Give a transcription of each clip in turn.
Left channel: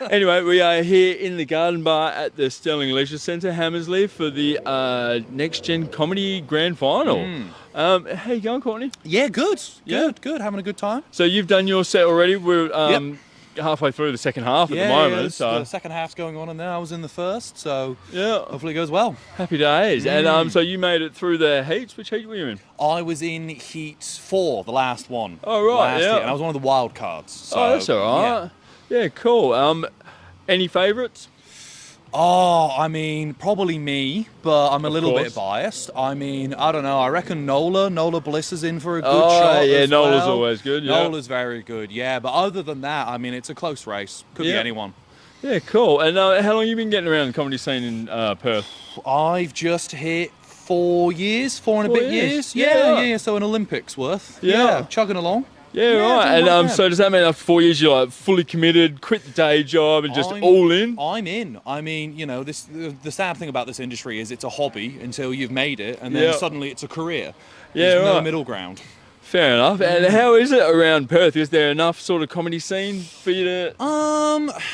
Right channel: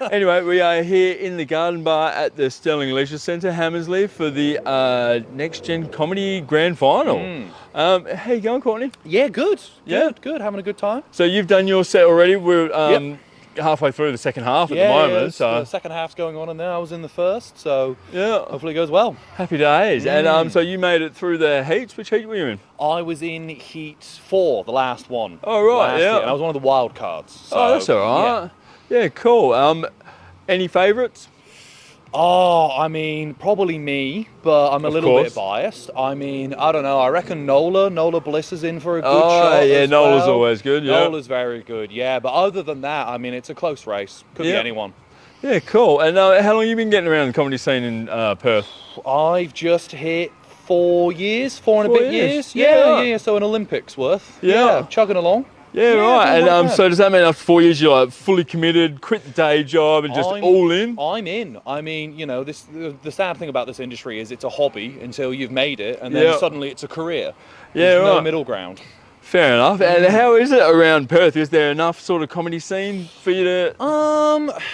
Anyway, we are here in the Garden Bar at the Sterling Leisure Centre, Hammersley, for the Next Gen Comedy Grand Final. How you going, Courtney? Yeah, good. Yeah? Good. Having a good time. So you've done your set already. We're Yep. halfway through the second half at the moment. So The second half's going on, and then I was in the first, so yeah, hopefully it goes well. happy days. And so you made it through the heats. Which heat were you in? I was in Heat 4, the last one. Oh, right, last yeah. Year, and I was one of the wild cards. So, Oh, that's all right. Yeah, cool. Any favourites? Oh, I mean, probably me, but I'm a little bit biased. I mean, I don't know. I reckon Nola Bliss is in for a good shot. Yeah, as Nola's well. always good. Yeah, Nola's very good. Yeah, but other than that, I mean, it's a close race. Could be anyone. Yeah, cool. And how long have you been getting around the comedy scene in Perth? I've just hit 4 years, 4 and a bit years. Yeah. So an Olympics worth. Yeah, chugging along. Yeah, right. And so does that mean after 4 years you're like fully committed, quit the day job, and just all in? I'm in. I mean, you know, the sad thing about this industry is it's a hobby until you've made it, and then suddenly it's a career. There's no middle ground. Fair enough. And how is it around Perth? Is there enough sort of comedy scene for you to...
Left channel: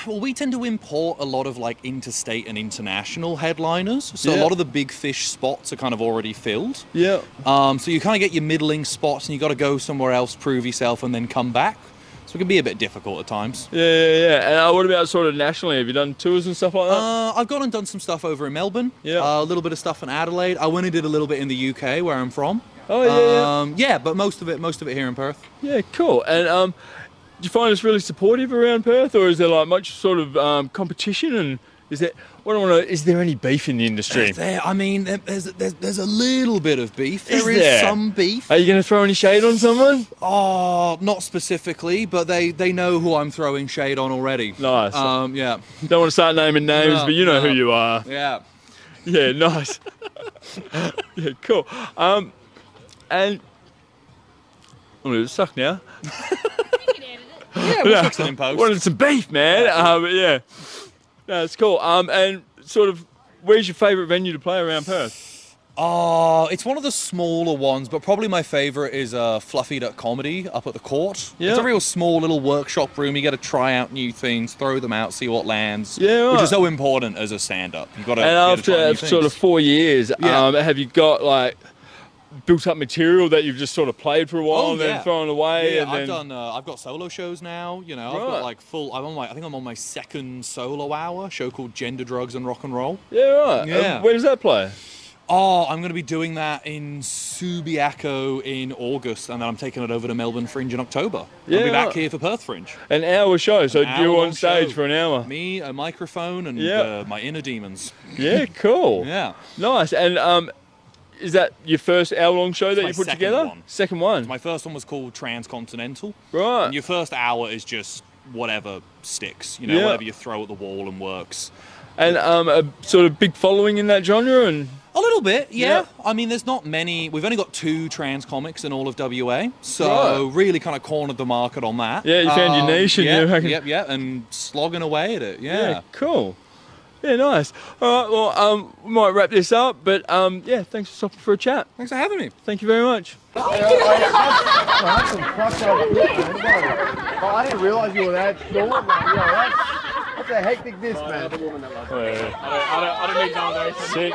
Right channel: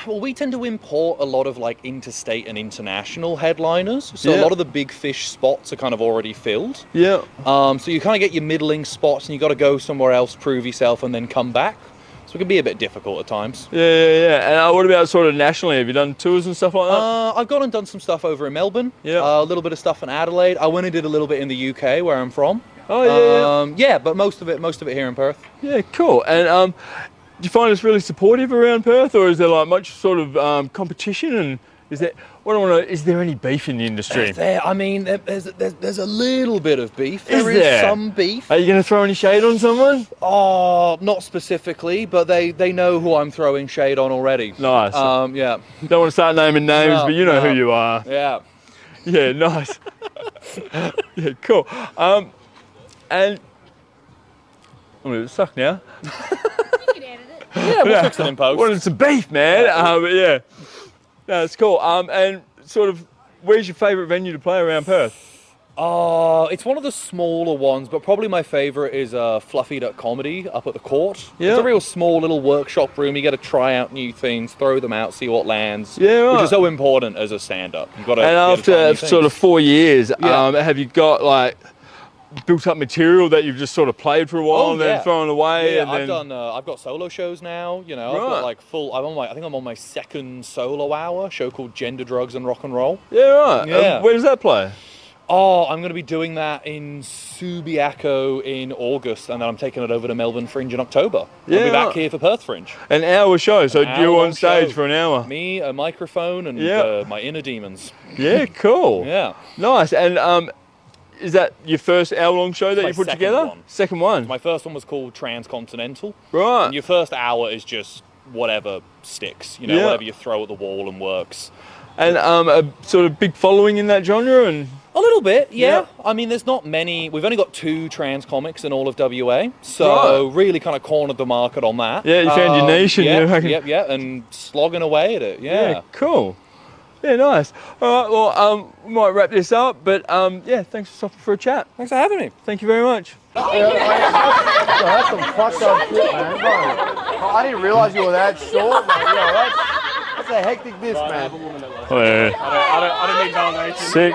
Well, we tend to import a lot of like interstate and international headliners. So a lot of the big fish spots are kind of already filled. Yeah. So you kind of get your middling spots and you got to go somewhere else, prove yourself, and then come back. So it can be a bit difficult at times. Yeah. And what about sort of nationally? Have you done tours and stuff like that? I've gone and done some stuff over in Melbourne. Yeah. A little bit of stuff in Adelaide. I went and did a little bit in the UK, where I'm from. Oh, yeah. Yeah, but most of it here in Perth. Yeah, cool. And do you find it's really supportive around Perth, or is there like much sort of competition? And is there... What I want to know, is there any beef in the industry? I mean, there's a little bit of beef. There is some beef. Are you going to throw any shade on someone? Oh, not specifically, but they know who I'm throwing shade on already. Nice. Yeah. Don't want to start naming names, but you know who you are. Yeah. Yeah, nice. Yeah, cool. And I'm going to suck now. Yeah, we'll fix it in post. Wanted some beef, man. Yeah. No, it's cool. And sort of, where's your favourite venue to play around Perth? It's one of the smaller ones, but probably my favourite is Fluffy.comedy up at the Court. Yeah. It's a real small little workshop room. You get to try out new things, throw them out, see what lands. Yeah, right. Which is so important as a stand-up. You've got to. And after sort of 4 years, have you got like built up material that you've just sort of played for a while and then thrown away? Yeah, and then I've got solo shows now. You know, Right. I've got like full. I think I'm on my second solo hour show called Gender, Drugs, and Rock and Roll. Yeah, right. Yeah. Where does that play? Oh, I'm going to be doing that in Subiaco in August, and then I'm taking it over to Melbourne Fringe in October. I'll be back here for Perth Fringe. An hour show, so you on stage show. for an hour. Me, a microphone, and my inner demons. Yeah, cool. Yeah. Nice. And is that your first hour-long show that my you put second together? one. Second one. My first one was called Transcontinental. Right. And your first hour is just whatever sticks, you know, whatever you throw at the wall and works. And a sort of big following in that genre? And a little bit, yeah. I mean, there's not many. We've only got 2 trans comics in all of WA, so really kind of cornered the market on that. Yeah, you found your niche, and and slogging away at it. Yeah, cool. Yeah, nice. All right, well, we might wrap this up, but thanks for stopping for a chat. Thanks for having me. Thank you very much. That's some fucked up shit, man. I didn't realise you were that short. Like, that's a hectic disc, man. Oh, yeah. I don't need validation. Sick.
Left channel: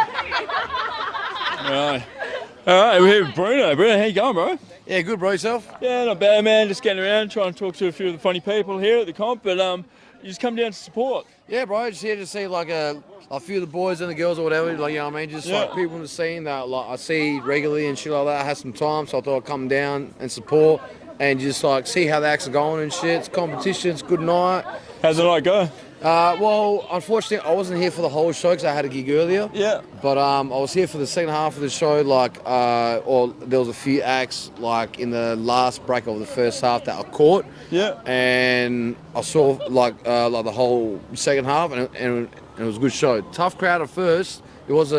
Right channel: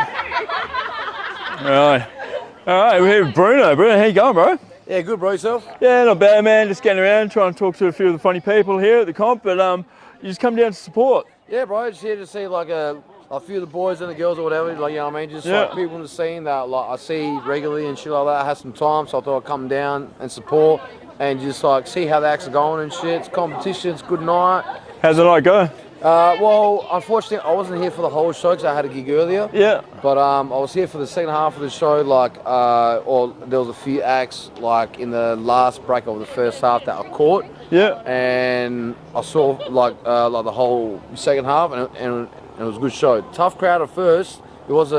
All right, we're here with Bruno. Bruno, how you going, bro? Yeah, good, bro. Yourself? Yeah, not bad, man. Just getting around, trying to talk to a few of the funny people here at the comp, but you just come down to support. Yeah, bro. Just here to see like a few of the boys and the girls or whatever. Like, you know what I mean? Just like people in the scene that like I see regularly and shit like that. I had some time, so I thought I'd come down and support and just like see how the acts are going and shit. It's competition. It's good night. How's the night go? Well, unfortunately, I wasn't here for the whole show because I had a gig earlier. Yeah. But I was here for the second half of the show. Like, or there was a few acts like in the last break of the first half that I caught. Yeah. And I saw like the whole second half, and it was a good show. Tough crowd at first. It was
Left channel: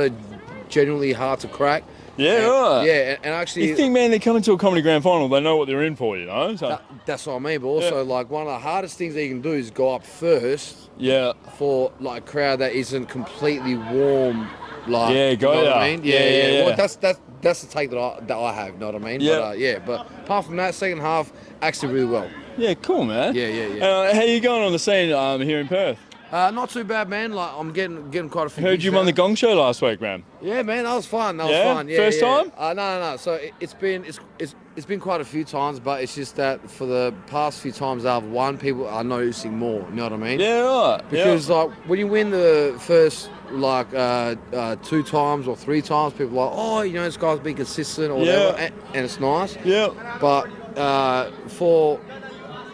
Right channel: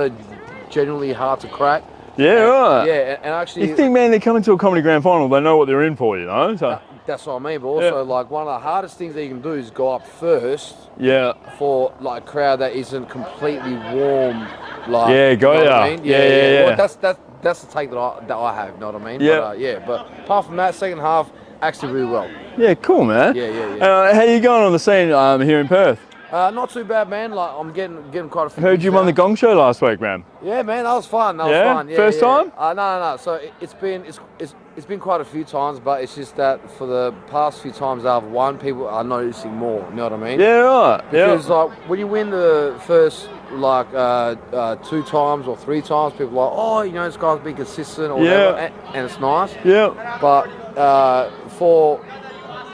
genuinely hard to crack. Yeah, right. Yeah, and actually... You think, man, they come into a comedy grand final, they know what they're in for, you know? So that's what I mean, but also, like, one of the hardest things that you can do is go up first for, like, a crowd that isn't completely warm, like... Yeah, you know what I mean? Yeah. Well, that's the take that I have, you know what I mean? Yeah. But apart from that, second half, actually really well. Yeah, cool, man. Yeah. How you going on the scene here in Perth? Not too bad, man. Like I'm getting quite a few. Heard you won the Gong Show last week, man. Yeah, man, that was fun. That Yeah? was fun. Yeah, First time? No. So it's been quite a few times, but it's just that for the past few times I've won, people are noticing more. You know what I mean? Yeah, right. Because like when you win the first like 2 times or 3 times, people are like, oh, you know, this guy's been consistent or whatever, and it's nice. Yeah. But for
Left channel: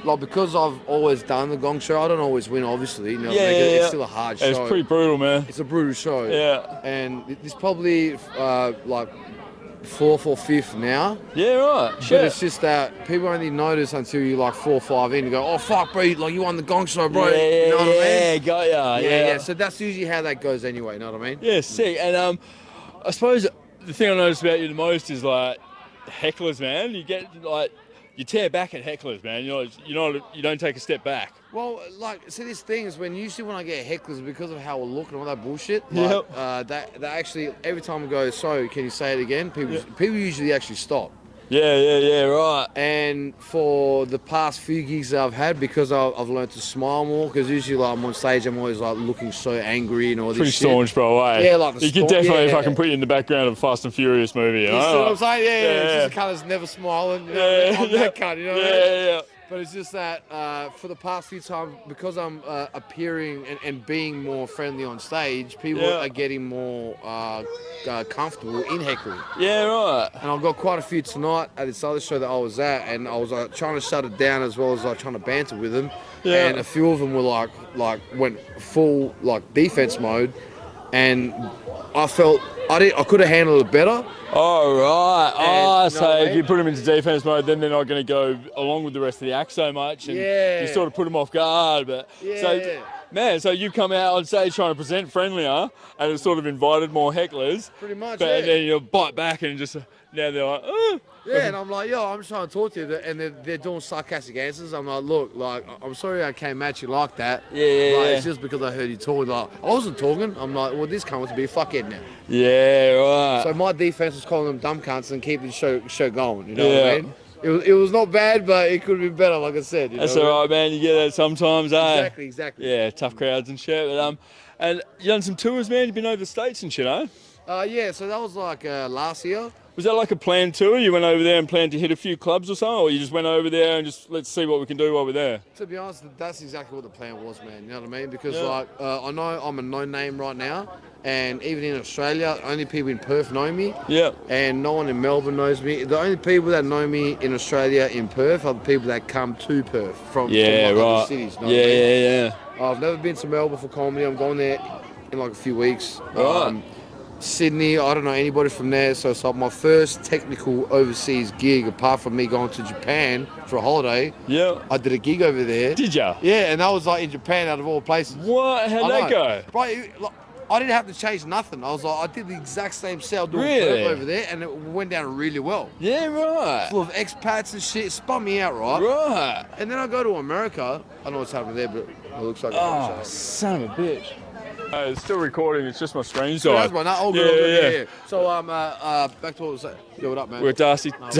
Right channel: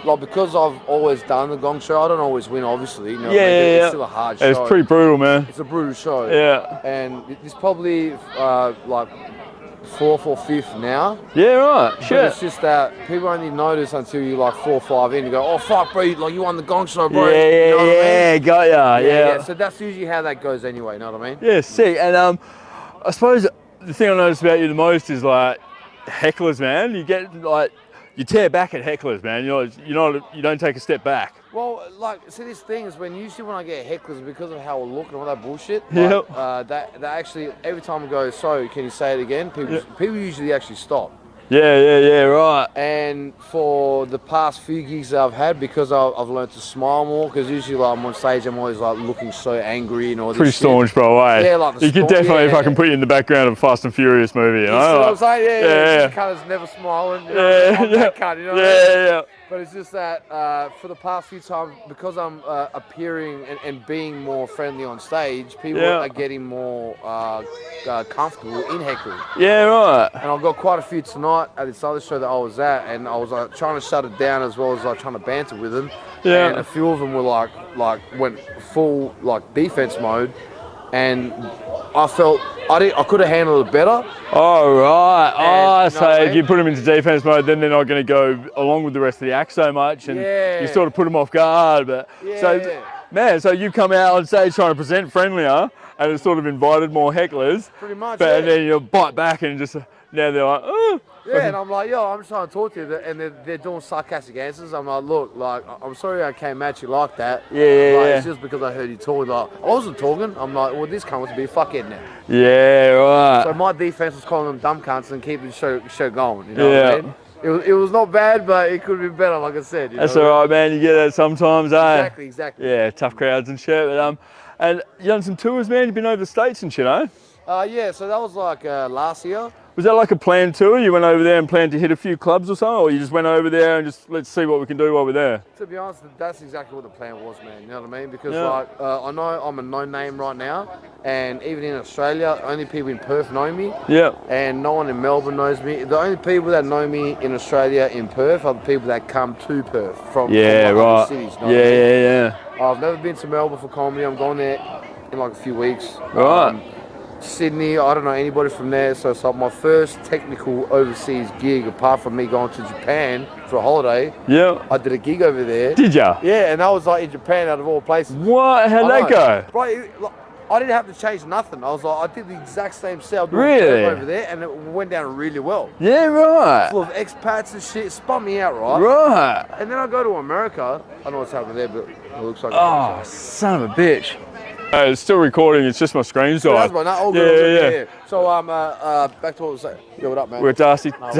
like because I've always done the Gong Show, I don't always win, obviously. You know, it's still a hard show. It's pretty brutal, man. It's a brutal show. Yeah. And it's probably like 4th or 5th now. Yeah, right. But Sure. it's just that people only notice until you like 4 or 5 in. You go, oh fuck, bro, like you won the Gong Show, bro. Yeah, you know what I mean? got ya. Yeah. So that's usually how that goes, anyway. You know what I mean? Yeah, sick. And I suppose the thing I noticed about you the most is like hecklers, man. You get like you tear back at hecklers, man. You don't take a step back. Well, like, see, this thing is when usually when I get hecklers because of how I look and all that bullshit. Like, that actually every time I go, so can you say it again? People usually actually stop. Yeah, right. And for the past few gigs that I've had, because I've learned to smile more, because usually like, I'm on stage, I'm always like looking so angry and all this Pretty shit. staunch, bro. Eh? Yeah, like you could definitely fucking yeah. put you in the background of a Fast and Furious movie. You know? You see what I'm saying? Yeah. Yeah. It's just a cunt that's never smiling. You know? I'm that cunt, you know what I mean? Yeah. But it's just that for the past few times, because I'm appearing and being more friendly on stage, people are getting more comfortable in heckling. Yeah, right. And I've got quite a few tonight at this other show that I was at, and I was like trying to shut it down as well as like trying to banter with them. Yeah. And a few of them were like went full like defense mode, and I felt I could have handled it better. Oh, right. So I mean? if you put them into defense mode, then they're not going to go along with the rest of the act so much, and you sort of put them off guard. But man, so you come out on stage trying to present friendlier, and it's sort of invited more hecklers. Pretty much. But and then you bite back and just now they're like, oh. Yeah, and I'm like, yo, I'm just trying to talk to you, and they're doing sarcastic answers. I'm like, look, like, I'm sorry I came at you like that. Yeah. It's just because I heard you talking. Like, I wasn't talking. I'm like, well, this cunt wants to be a fuckhead now. Yeah, right. So my defense was calling them dumb cunts and keeping the show going. You know what I mean? It was not bad, but it could be better, like I said. You That's know? all right, man. You get that sometimes, eh? Exactly. Yeah, tough crowds and shit. But and you done some tours, man. You've been over the States and shit, eh? Yeah. So that was like last year. Was that like a planned tour? You went over there and planned to hit a few clubs or something, or you just went over there and just let's see what we can do while we're there? To be honest, that's exactly what the plan was, man. You know what I mean? Because like I know I'm a no name right now, and even in Australia, only people in Perth know me. Yeah. And no one in Melbourne knows me. The only people that know me in Australia in Perth are the people that come to Perth from other cities. You know what I mean? Yeah. I've never been to Melbourne for comedy. I'm going there in like a few weeks. Right. Sydney, I don't know anybody from there, so it's like my first technical overseas gig, apart from me going to Japan for a holiday. Yeah. I did a gig over there. Did ya? Yeah, and that was like in Japan, out of all places. What? How'd that go? Bro, I didn't have to change nothing. I was like, I did the exact same set Really? over there, and it went down really well. Yeah, right. Full of expats and shit. It spun me out, right? Right. And then I go to America. I don't know what's happening there, but it looks like. Oh, son of a bitch. It's still recording. It's just my screen's died. Yeah. So back to what I was saying. Yeah, what up, man? We're at Darcy. Fuck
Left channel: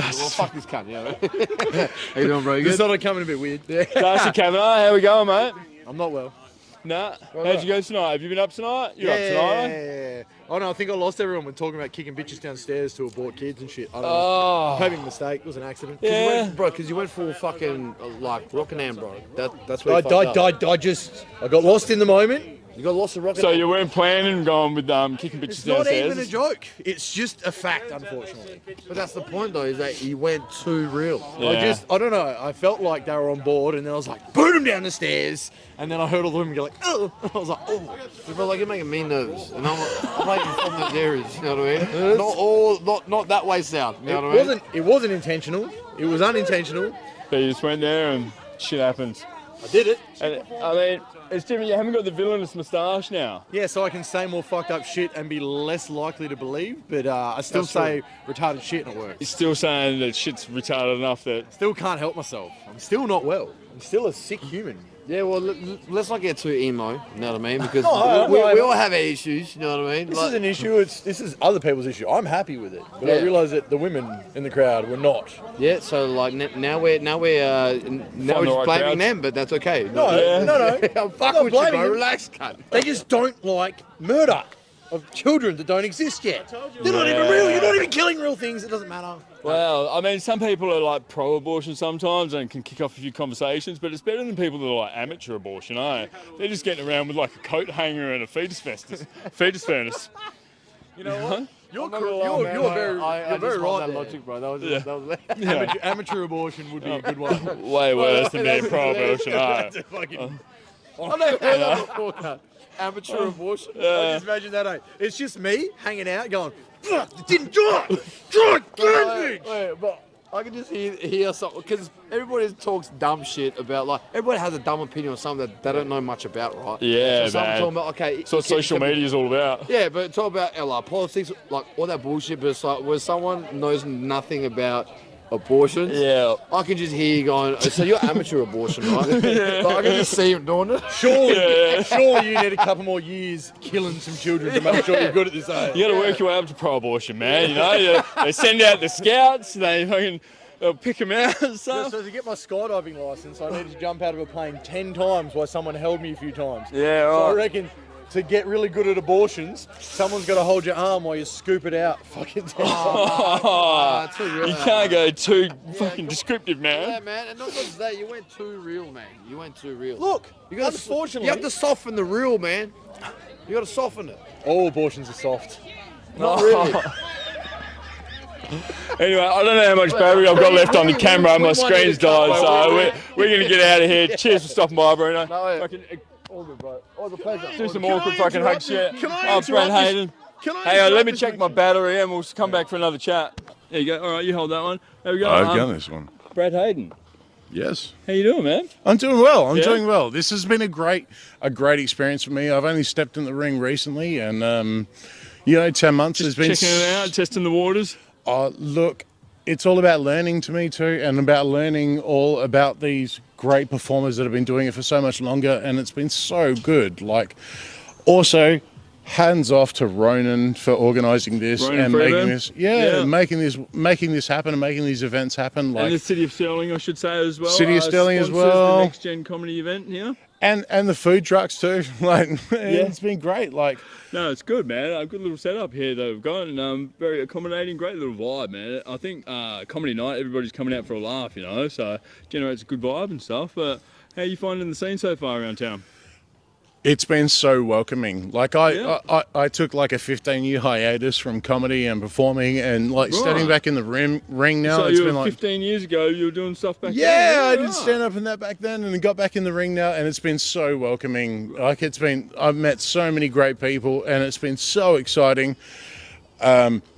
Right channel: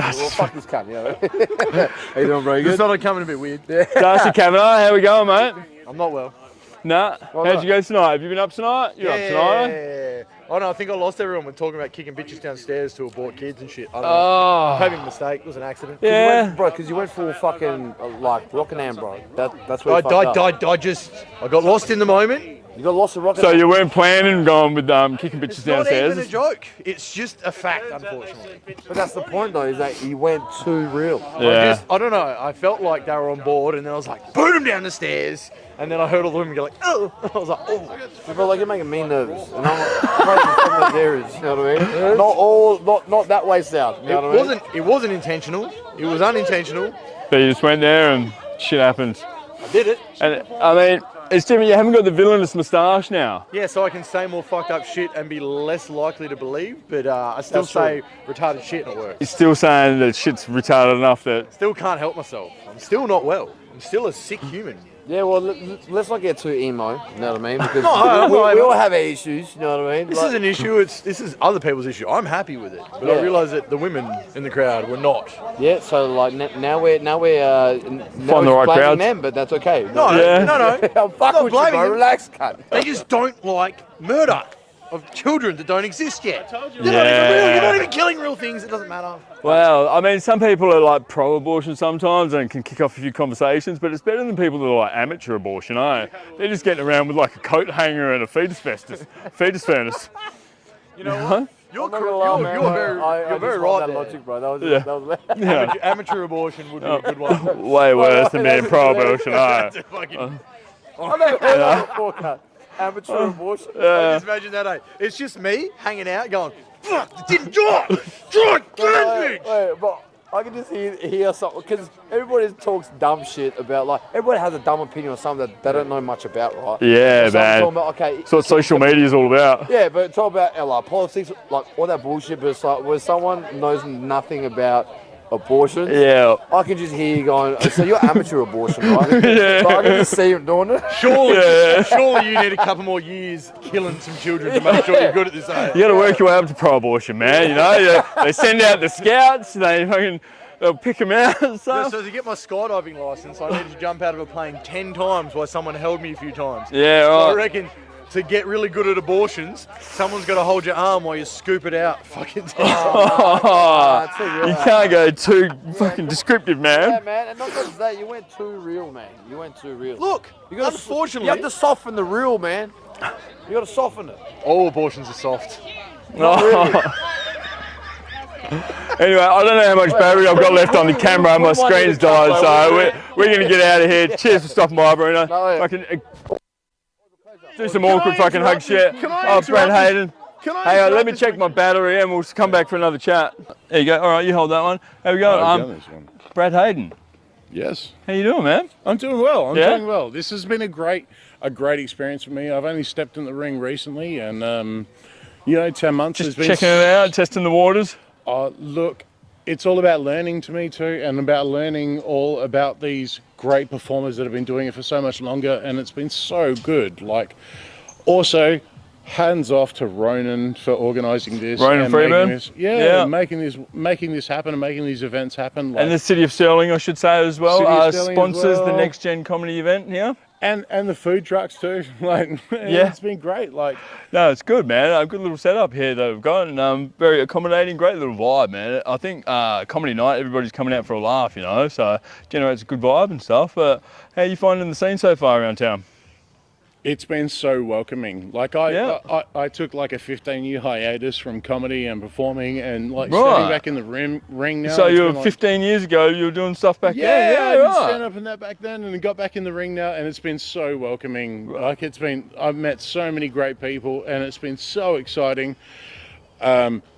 this cunt, yeah. How you doing, bro? You You good? started coming a bit weird. Darcy Kavanagh, how we going, mate? I'm not well. Nah. How'd you go tonight? Have you been up tonight? You're up tonight, eh? Yeah. Oh no, I think I lost everyone when talking about kicking bitches downstairs to abort kids and shit. I don't know. Oh. Having a mistake. It was an accident. Yeah. Because you went full fucking like Rockingham, bro. That's where you fucked up. I got lost in the moment. You got lost in Rockingham. So you weren't planning going with kicking bitches It's not downstairs? even a joke. It's just a fact, unfortunately. But that's the point, though, is that you went too real. Yeah. I don't know. I felt like they were on board, and then I was like, boot them down the stairs. And then I heard all the women go like, oh. I was like, oh. But like, you're making me nervous. And I'm from those areas, you know what I mean? Not that way south. You know what I mean? It wasn't intentional. It was unintentional. So you just went there and shit happens. I did it. And I mean, it's different. You haven't got the villainous moustache now. Yeah, so I can say more fucked up shit and be less likely to believe, but I still That's say retarded shit and it works. You're still saying that shit's retarded enough that. Still can't help myself. I'm still not well. I'm still a sick human. Yeah, well, let's not get too emo, you know what I mean? Because No, we all have our issues, you know what I mean? This Like, is an issue. This is other people's issue. I'm happy with it, but I Yeah. realise that the women in the crowd were not. yeah, so like now we're Find the right blaming crowds. them, but that's okay. No, Yeah. no. I'm fucking not with you, blaming bro. them. Relax, cunt. They just don't like murder of children that don't exist yet. They're not even Yeah. real. You're not even killing real things. It doesn't matter. Well, I mean, some people are like pro-abortion sometimes and can kick off a few conversations, but it's better than people that are like amateur abortion, eh? They're just getting around with like a coat hanger and a fetus furnace. You know what? You're You're very right that there. logic, bro. That was Yeah. that was Yeah. Amateur abortion would be a good one. Way worse than being pro-abortion, eh? That's a fucking. I know all that before, cunt. Amateur abortion. I just imagine that, eh? It's just me hanging out going, fuck, you didn't do it! Yeah, but I can just hear something because everybody talks dumb shit about like everybody has a dumb opinion on something that they don't know much about, right? Yeah, So someone's man. talking about, okay, That's what social media is all about. Yeah, but it's all about like politics, like all that bullshit. But it's like when someone knows nothing about abortion, Yeah. I can just hear you going, oh, so you're amateur abortion, right? Yeah. So I can just see you doing it. Surely you need a couple more years killing some children to make sure you're good at this, eh? You got to work your way up to pro-abortion, man. You know, they send out the scouts. They'll pick them out and stuff. So to get my skydiving license, I needed to jump out of a plane 10 times while someone held me a few times. Yeah, So I right. reckon to get really good at abortions, someone's got to hold your arm while you scoop it out fucking 10 times. Oh, Too real. you can't go too fucking descriptive, Yeah, man. man, and not just that, you went too real, man. You went too real. Look, you gotta, unfortunately, you have to soften the real, man. You got to soften it. all abortions are soft. Not really. Anyway, I don't know how much battery I've got left on the camera. My screen's died, so we're going to get out of here. Cheers for stopping by, Bruno. No, Fucking all good, bro. All the pleasure. do some Can I awkward fucking hug interrupt you? shit. Can I Oh, Brad interrupt this? Hayden. Can I Hey, let interrupt me this check thing? my battery and we'll come back for another chat. There you go. All right, you hold that one. How we going? I've done this one. Brad Hayden. Yes. How you doing, man? I'm doing well. I'm Yeah? doing well. This has been a great experience for me. I've only stepped in the ring recently, and 10 months has been. Checking it out, testing the waters. Look, it's all about learning to me too, and about learning all about these great performers that have been doing it for so much longer, and it's been so good. Like, also, hands off to Ronan for organising this. Ronan and Freeman? making this, making this happen and making these events happen. Like, And the City of Sterling, I should say, as well. City of Sterling as sponsors well. the Next Gen Comedy event here. and the food trucks too. Like, Yeah. it's been great. Like, No, it's good, man. A good little setup here that we've got, and very accommodating, great little vibe, man. I think comedy night, everybody's coming out for a laugh, you know, so generates a good vibe and stuff. But how are you finding the scene so far around town? it's been so welcoming. Like Yeah. I took like a 15-year hiatus from comedy and performing, and like Right. standing back in the ring now. So it's you were been like, 15 years ago, you were doing stuff back Yeah, then. I didn't right. stand up in that back then, and got back in the ring now, and it's been so welcoming. Like, I've met so many great people, and it's been so exciting.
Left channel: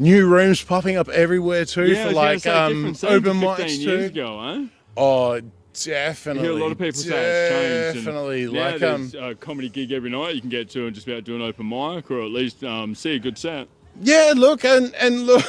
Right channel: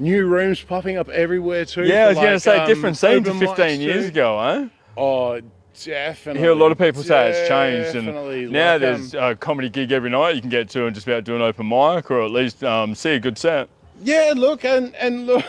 New rooms popping up everywhere too. Yeah, I for, was going to like, say different scene to open 15 mics years too. ago, eh? Oh, definitely. You hear a lot of people say it's changed, Definitely. and now Like, there's a comedy gig every night you can get to and just about do an open mic or at least see a good set. yeah, look, and look.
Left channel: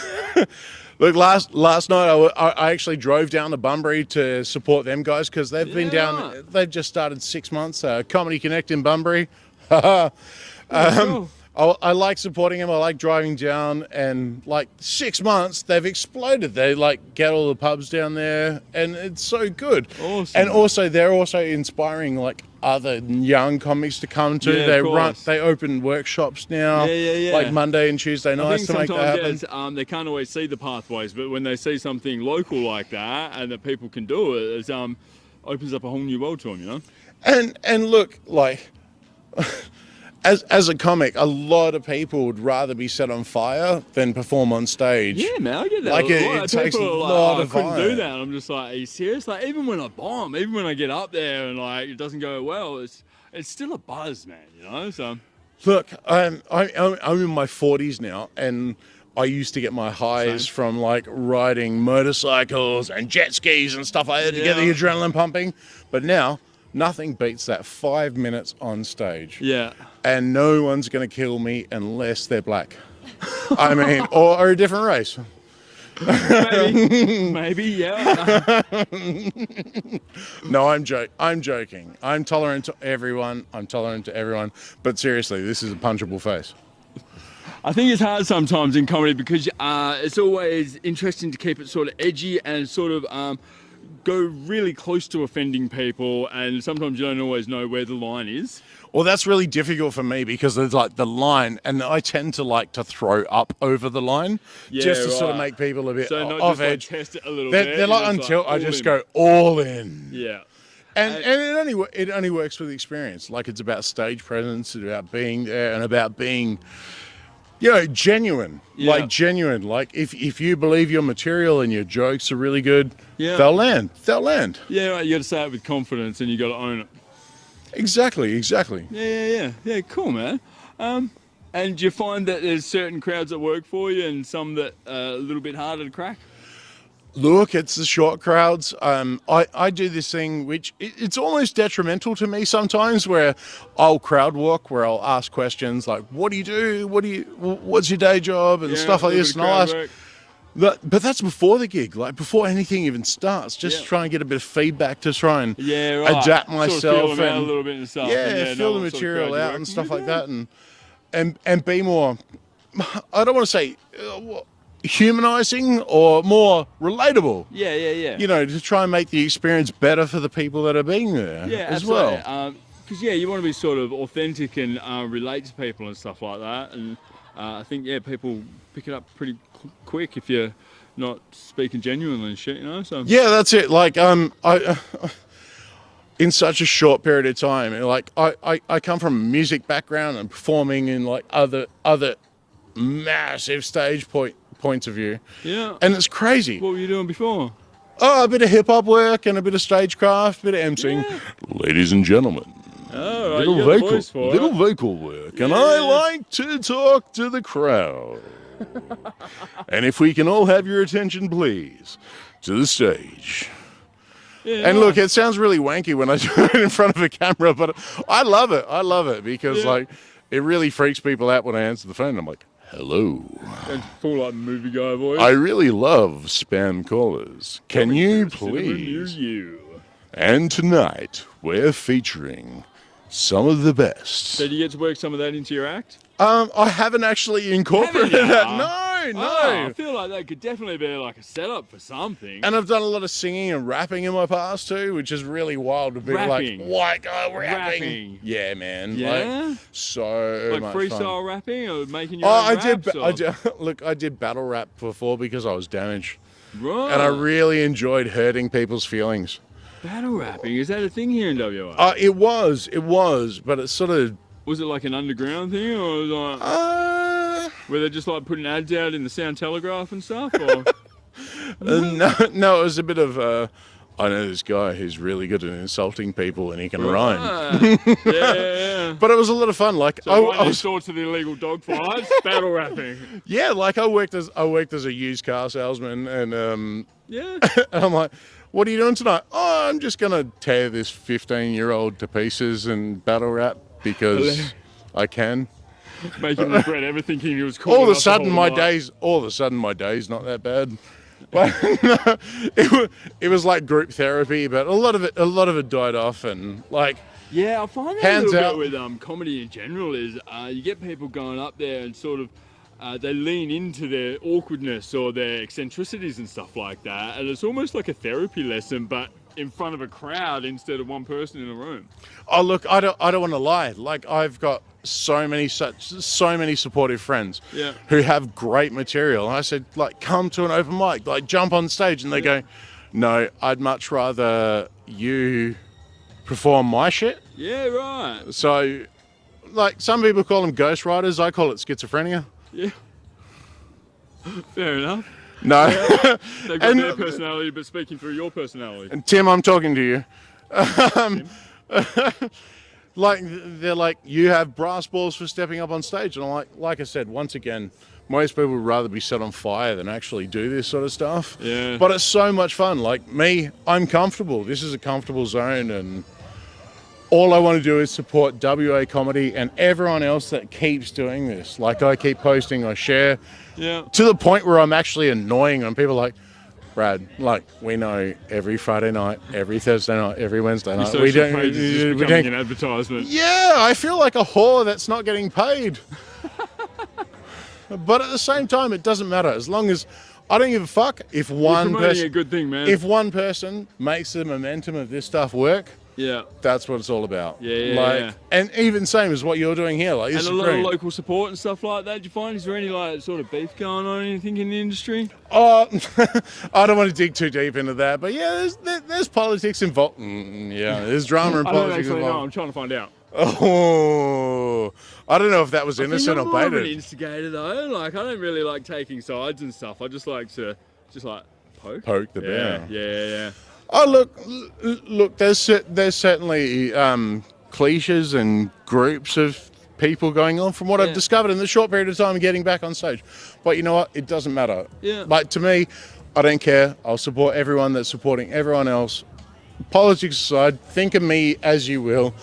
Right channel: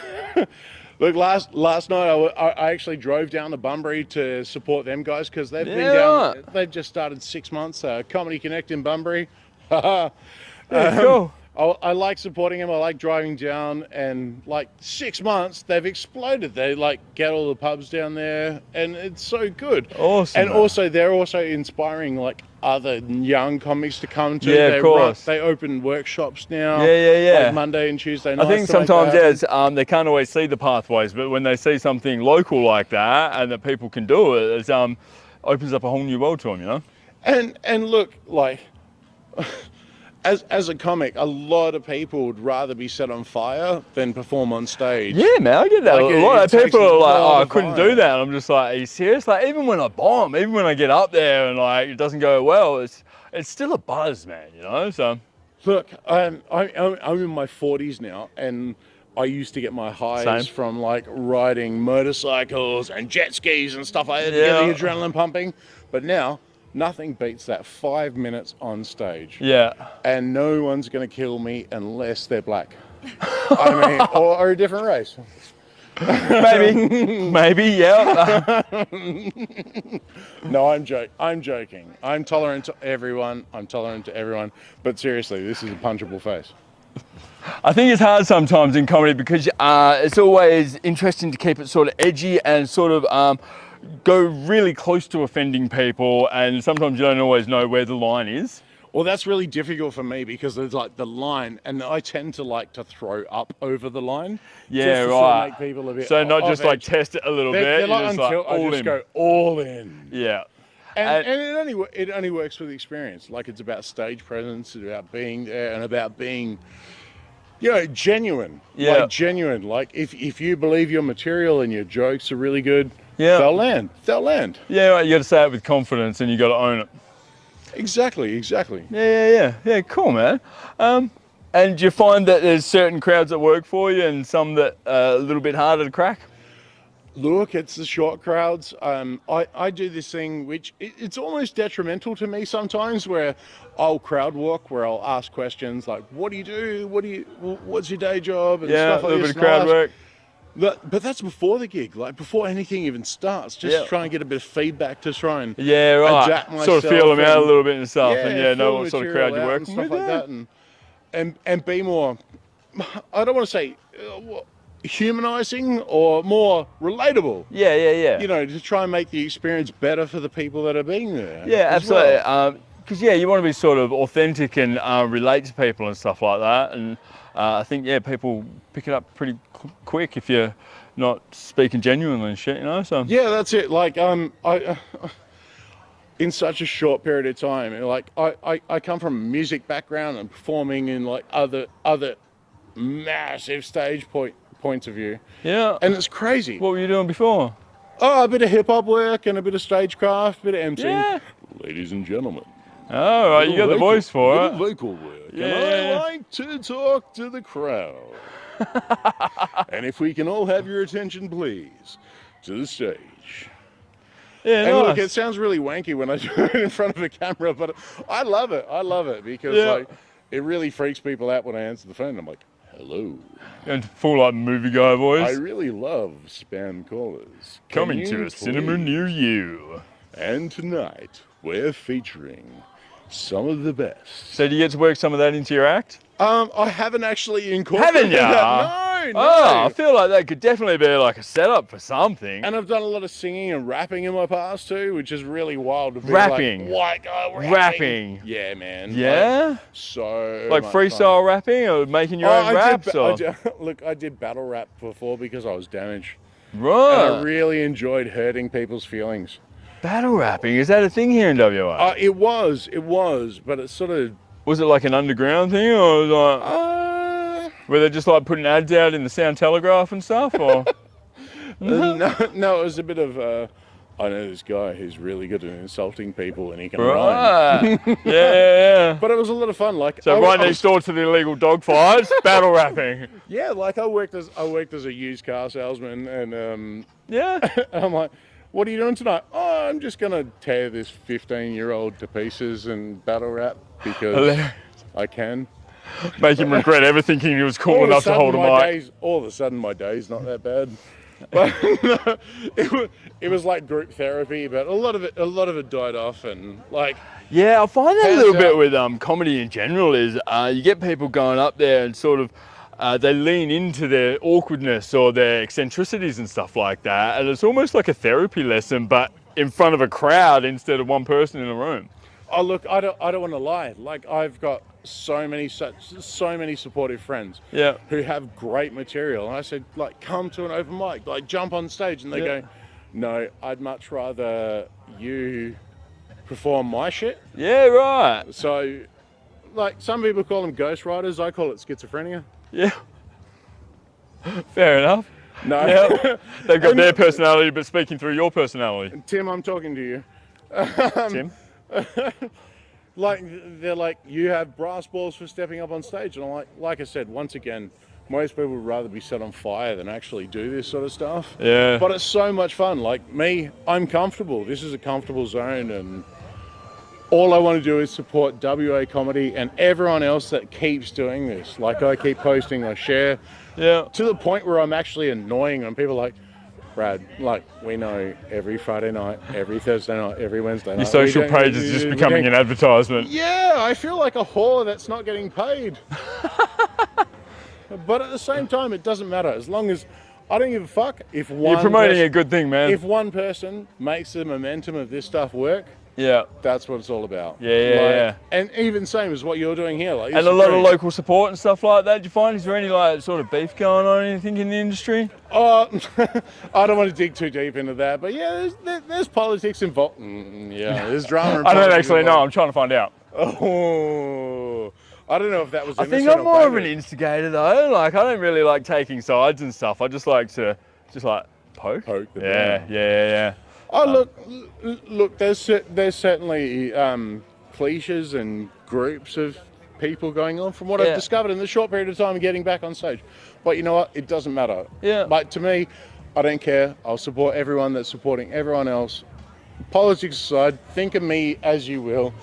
Look, last night I actually drove down to Bunbury to support them guys because they've been Yeah, down. right. They've just started 6 months. Comedy Connect in Bunbury. Cool. I like supporting them. I like driving down, and like 6 months they've exploded. They like get all the pubs down there, and it's so good. Awesome, And man. also they're also inspiring like other young comics to come to. Yeah, of course. They open workshops now. Yeah. Like Monday and Tuesday I nights. think to make that sometimes, happen. they can't always see the pathways, but when they see something local like that and that people can do it, it opens up a whole new world to them, you know? And look, like, as a comic, a lot of people would rather be set on fire than perform on stage. Yeah, man, I get that. Like, a lot it of takes people a are like, lot oh, I of couldn't time. do that. I'm just like, are you serious? Like, even when I bomb, even when I get up there and like it doesn't go well, it's still a buzz, man, you know? So, Look, I'm in my 40s now, and I used to get my highs Same. from like riding motorcycles and jet skis and stuff like that to get Yeah. the adrenaline pumping. But now, nothing beats that 5 minutes on stage. yeah. And no one's going to kill me unless they're black. I mean, or a different race. Maybe, yeah. No, I'm joking. I'm tolerant to everyone. But seriously, this is a punchable face. I think it's hard sometimes in comedy because it's always interesting to keep it sort of edgy and sort of go really close to offending people, and sometimes you don't always know where the line is. Well, that's really difficult for me because there's like the line, and I tend to like to throw up over the line, just to sort of make people a bit. So not just edge. like test it a little bit. They're like until I just go all in. Yeah. And it only works with experience. Like it's about stage presence, it's about being there, and about being, genuine. Yeah. Like genuine. Like if you believe your material and your jokes are really good, they'll land. Yeah, right. You got to say it with confidence, and you got to own it. Exactly. Yeah, cool, man. And do you find that there's certain crowds that work for you and some that are a little bit harder to crack? Look, it's the short crowds. I do this thing which it's almost detrimental to me sometimes, where I'll crowd walk, where I'll ask questions like, "What do you do? What's your day job?" and stuff like this. Crowd work. But that's before the gig, like before anything even starts. Just try and get a bit of feedback to try and adapt myself. Sort of feel them out a little bit and stuff, and know what the sort of material crowd you're out working and stuff with, like that, and be more. I don't want to say humanizing or more relatable. Yeah. To try and make the experience better for the people that are being there. Yeah, as absolutely. Well. Because you want to be sort of authentic and relate to people and stuff like that, and I think people pick it up pretty quick if you're not speaking genuinely and shit, So yeah, that's it. Like I in such a short period of time, like I come from a music background and performing in like other massive stage points of view. Yeah, and it's crazy. What were you doing before? Oh, a bit of hip hop work and a bit of stagecraft, a bit of emceeing. Yeah. Ladies and gentlemen. Oh, right, you got the voice for it. Little vocal work, and I like to talk to the crowd. And if we can all have your attention, please, to the stage. Yeah, and nice. look, it sounds really wanky when I do it in front of a camera, but I love it because like it really freaks people out when I answer the phone. I'm like, "Hello." And full like movie guy voice. I really love spam callers. Can you to a cinema near you? And tonight we're featuring some of the best. So do you get to work some of that into your act? I haven't actually incorporated that. No. Oh, I feel like that could definitely be like a setup for something. And I've done a lot of singing and rapping in my past too, which is really wild to be rapping. rapping. Yeah, man. Yeah? Like freestyle rapping or making your own raps? Look, I did battle rap before because I was damaged. Right. And I really enjoyed hurting people's feelings. Battle rapping, is that a thing here in WA? It was, but it's sort of... Was it like an underground thing, or was it like... were they just like putting ads out in the Sound Telegraph and stuff, or...? No, it was a bit of... I know this guy who's really good at insulting people and he can rhyme. Yeah. But it was a lot of fun. Like, so next door to the illegal dog fights, battle rapping. Yeah, like I worked as a used car salesman, and and I'm like, "What are you doing tonight?" "Oh, I'm just gonna tear this 15-year-old to pieces and battle rap because I can." Make him regret ever thinking he was cool enough to hold a mic. All of a sudden, my day's not that bad. But it was like group therapy, but a lot of it died off, and like. Yeah, I find that a little bit with comedy in general is you get people going up there and sort of they lean into their awkwardness or their eccentricities and stuff like that, and it's almost like a therapy lesson, but in front of a crowd instead of one person in a room. Oh look, I don't want to lie. Like I've got so many supportive friends who have great material. And I said, like, come to an open mic, like jump on stage, and they go, "No, I'd much rather you perform my shit." Yeah, right. So, like, some people call them ghostwriters. I call it schizophrenia. Yeah. Fair enough. No. Yeah. They've got their personality, but speaking through your personality. Tim, I'm talking to you. Tim? Like, they're like, "You have brass balls for stepping up on stage." And I'm like I said, once again, most people would rather be set on fire than actually do this sort of stuff. Yeah. But it's so much fun. Like me, I'm comfortable. This is a comfortable zone, and all I want to do is support WA comedy and everyone else that keeps doing this. Like I keep posting, I share. Yeah. To the point where I'm actually annoying them. People are like, Brad, like, we know every Friday night, every Thursday night, every Wednesday night. Your social page is just becoming an advertisement. Yeah, I feel like a whore that's not getting paid. But at the same time, it doesn't matter. As long as I don't give a fuck if one You're promoting a good thing, man. If one person makes the momentum of this stuff work, yeah, that's what it's all about. Yeah. And even same as what you're doing here. Like, and a lot of local support and stuff like that. Do you find, is there any like sort of beef going on or anything in the industry? I don't want to dig too deep into that, but yeah, there's politics involved. There's drama. And I don't actually know. I'm trying to find out. Oh, I don't know if that was innocent I think I'm or more of baited. an instigator though. Like I don't really like taking sides and stuff. I just like to poke the bear. Yeah. Oh, look. There's certainly cliches and groups of people going on from what I've discovered in the short period of time getting back on stage. But you know what? It doesn't matter. Yeah. Like to me, I don't care. I'll support everyone that's supporting everyone else. Politics aside, think of me as you will.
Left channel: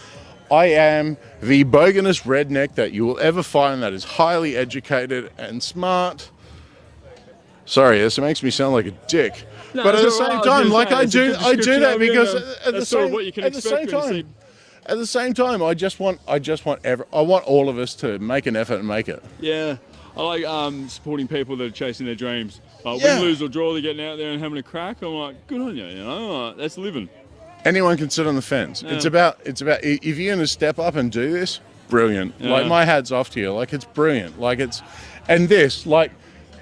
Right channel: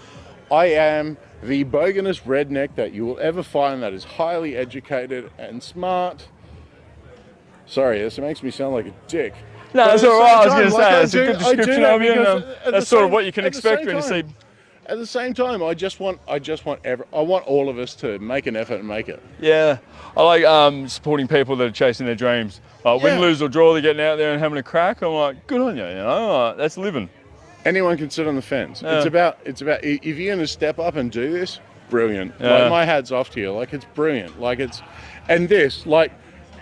I am the boganest redneck that you will ever find that is highly educated and smart. Sorry, this makes me sound like a dick. No, but that's all right. I was I do that because that's sort of what you can expect when you see. At the same time, I want all of us to make an effort and make it. Yeah, I like supporting people that are chasing their dreams. Win, lose or draw, they're getting out there and having a crack. I'm like, good on you. You know, that's living. Anyone can sit on the fence. Yeah. It's about if you're gonna step up and do this, brilliant. Yeah. Like my hat's off to you. Like it's brilliant.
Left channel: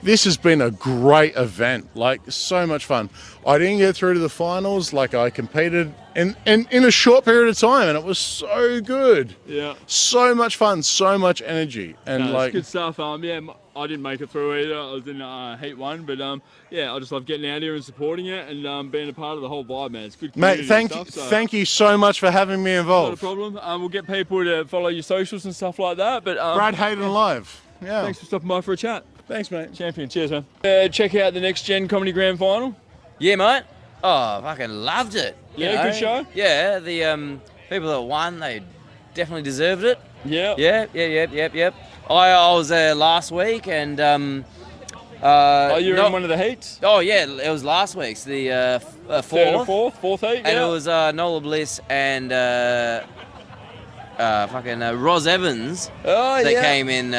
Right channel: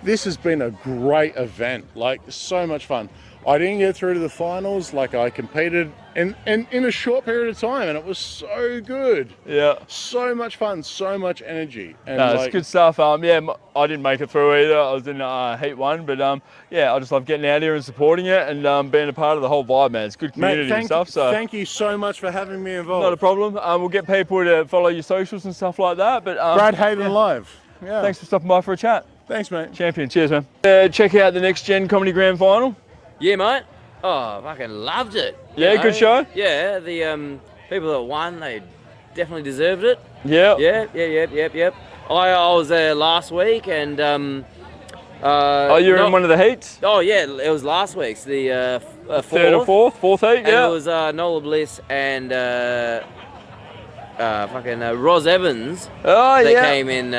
This has been a great event. Like so much fun. I didn't get through to the finals. Like I competed in a short period of time, and it was so good. Yeah. So much fun. So much energy. And it's good stuff. I didn't make it through either. I was in Heat 1, but I just love getting out here and supporting it and being a part of the whole vibe, man. It's good community and stuff. Thank you so much for having me involved. Not a problem. We'll get people to follow your socials and stuff like that. But Brad Hayden Live. Yeah. Thanks for stopping by for a chat. Thanks, mate. Champion. Cheers, man. Check out the Next Gen Comedy Grand Final. Yeah, mate. Oh, I fucking loved it. Yeah, good show. Yeah, the people that won, they definitely deserved it. Yeah. Yep. I was there last week and you're in one of the heats? Oh yeah, it was last week's the third or fourth heat. Yeah. And it was Nola Bliss and Ros Evans. Oh that came in.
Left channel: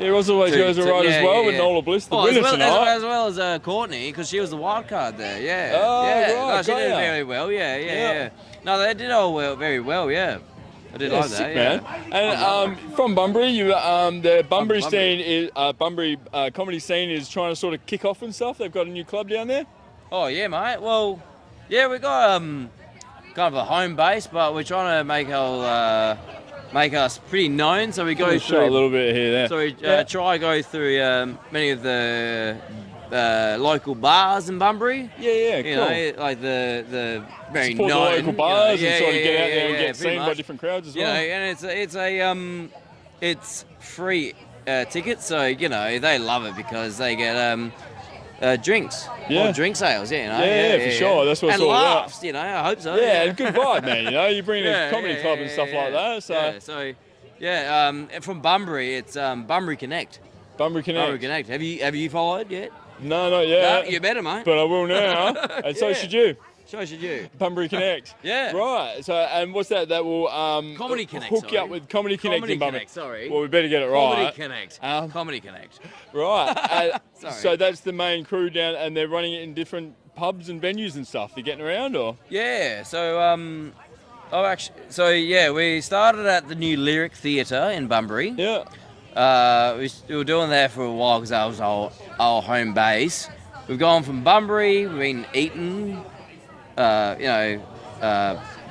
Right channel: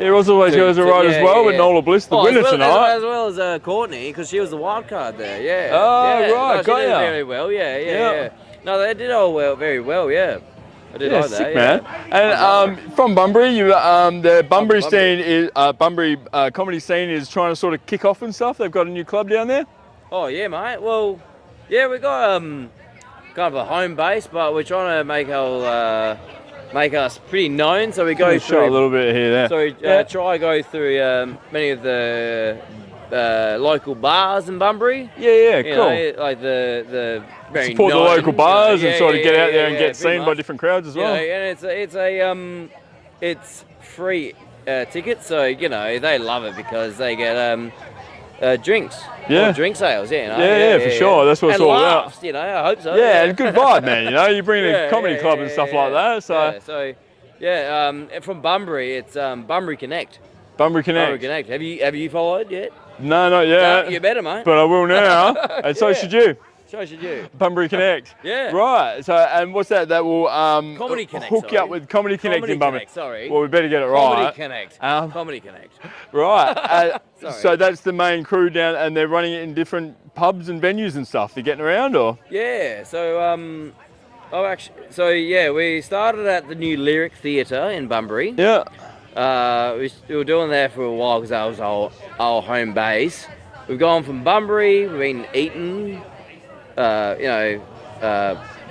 Roz always goes alright as well, but Nola Bliss, the winner tonight. As well as Courtney, because she was the wild card there, yeah. Oh, yeah. right, no, she did very well, yeah. No, they did all very well, yeah. I did like sick, that, man. And from Bunbury, the Bunbury scene is Bunbury comedy scene is trying to sort of kick off and stuff. They've got a new club down there. Oh yeah, mate. Well, yeah, we got kind of a home base, but we're trying to make us pretty known. So we go through, shot a little bit here there. So we try to go through many of the local bars in Bunbury. Yeah, you cool. know, like the very support the local bars and sort of get out there and get seen much. by different crowds as well. And it's free tickets, so you know they love it because they get drinks. Yeah. Or drink sales, yeah, you know. Yeah, for sure. That's what it's all about. You know, I hope so. Yeah, and good vibe, man. You know, you bring in a comedy club and stuff like that. So from Bunbury, it's Bunbury Connect. Bunbury Connect. Bunbury Connect. Have you followed yet? No, not yet. No, you better, mate. But I will now, and so should you. So should you. Bunbury Connect. Yeah. Right. So, and what's that? That will Comedy Connect, hook you up with Comedy Connect in Bunbury. Connect, sorry. Well, we better get it right. Comedy Connect. Comedy Connect. Right. So that's the main crew down, and they're running it in different pubs and venues and stuff. You're getting around, or? Yeah. So we started at the new Lyric Theatre in Bunbury. Yeah. We were doing that for a while because that was our home base. We've gone from Bunbury, we've been Eton,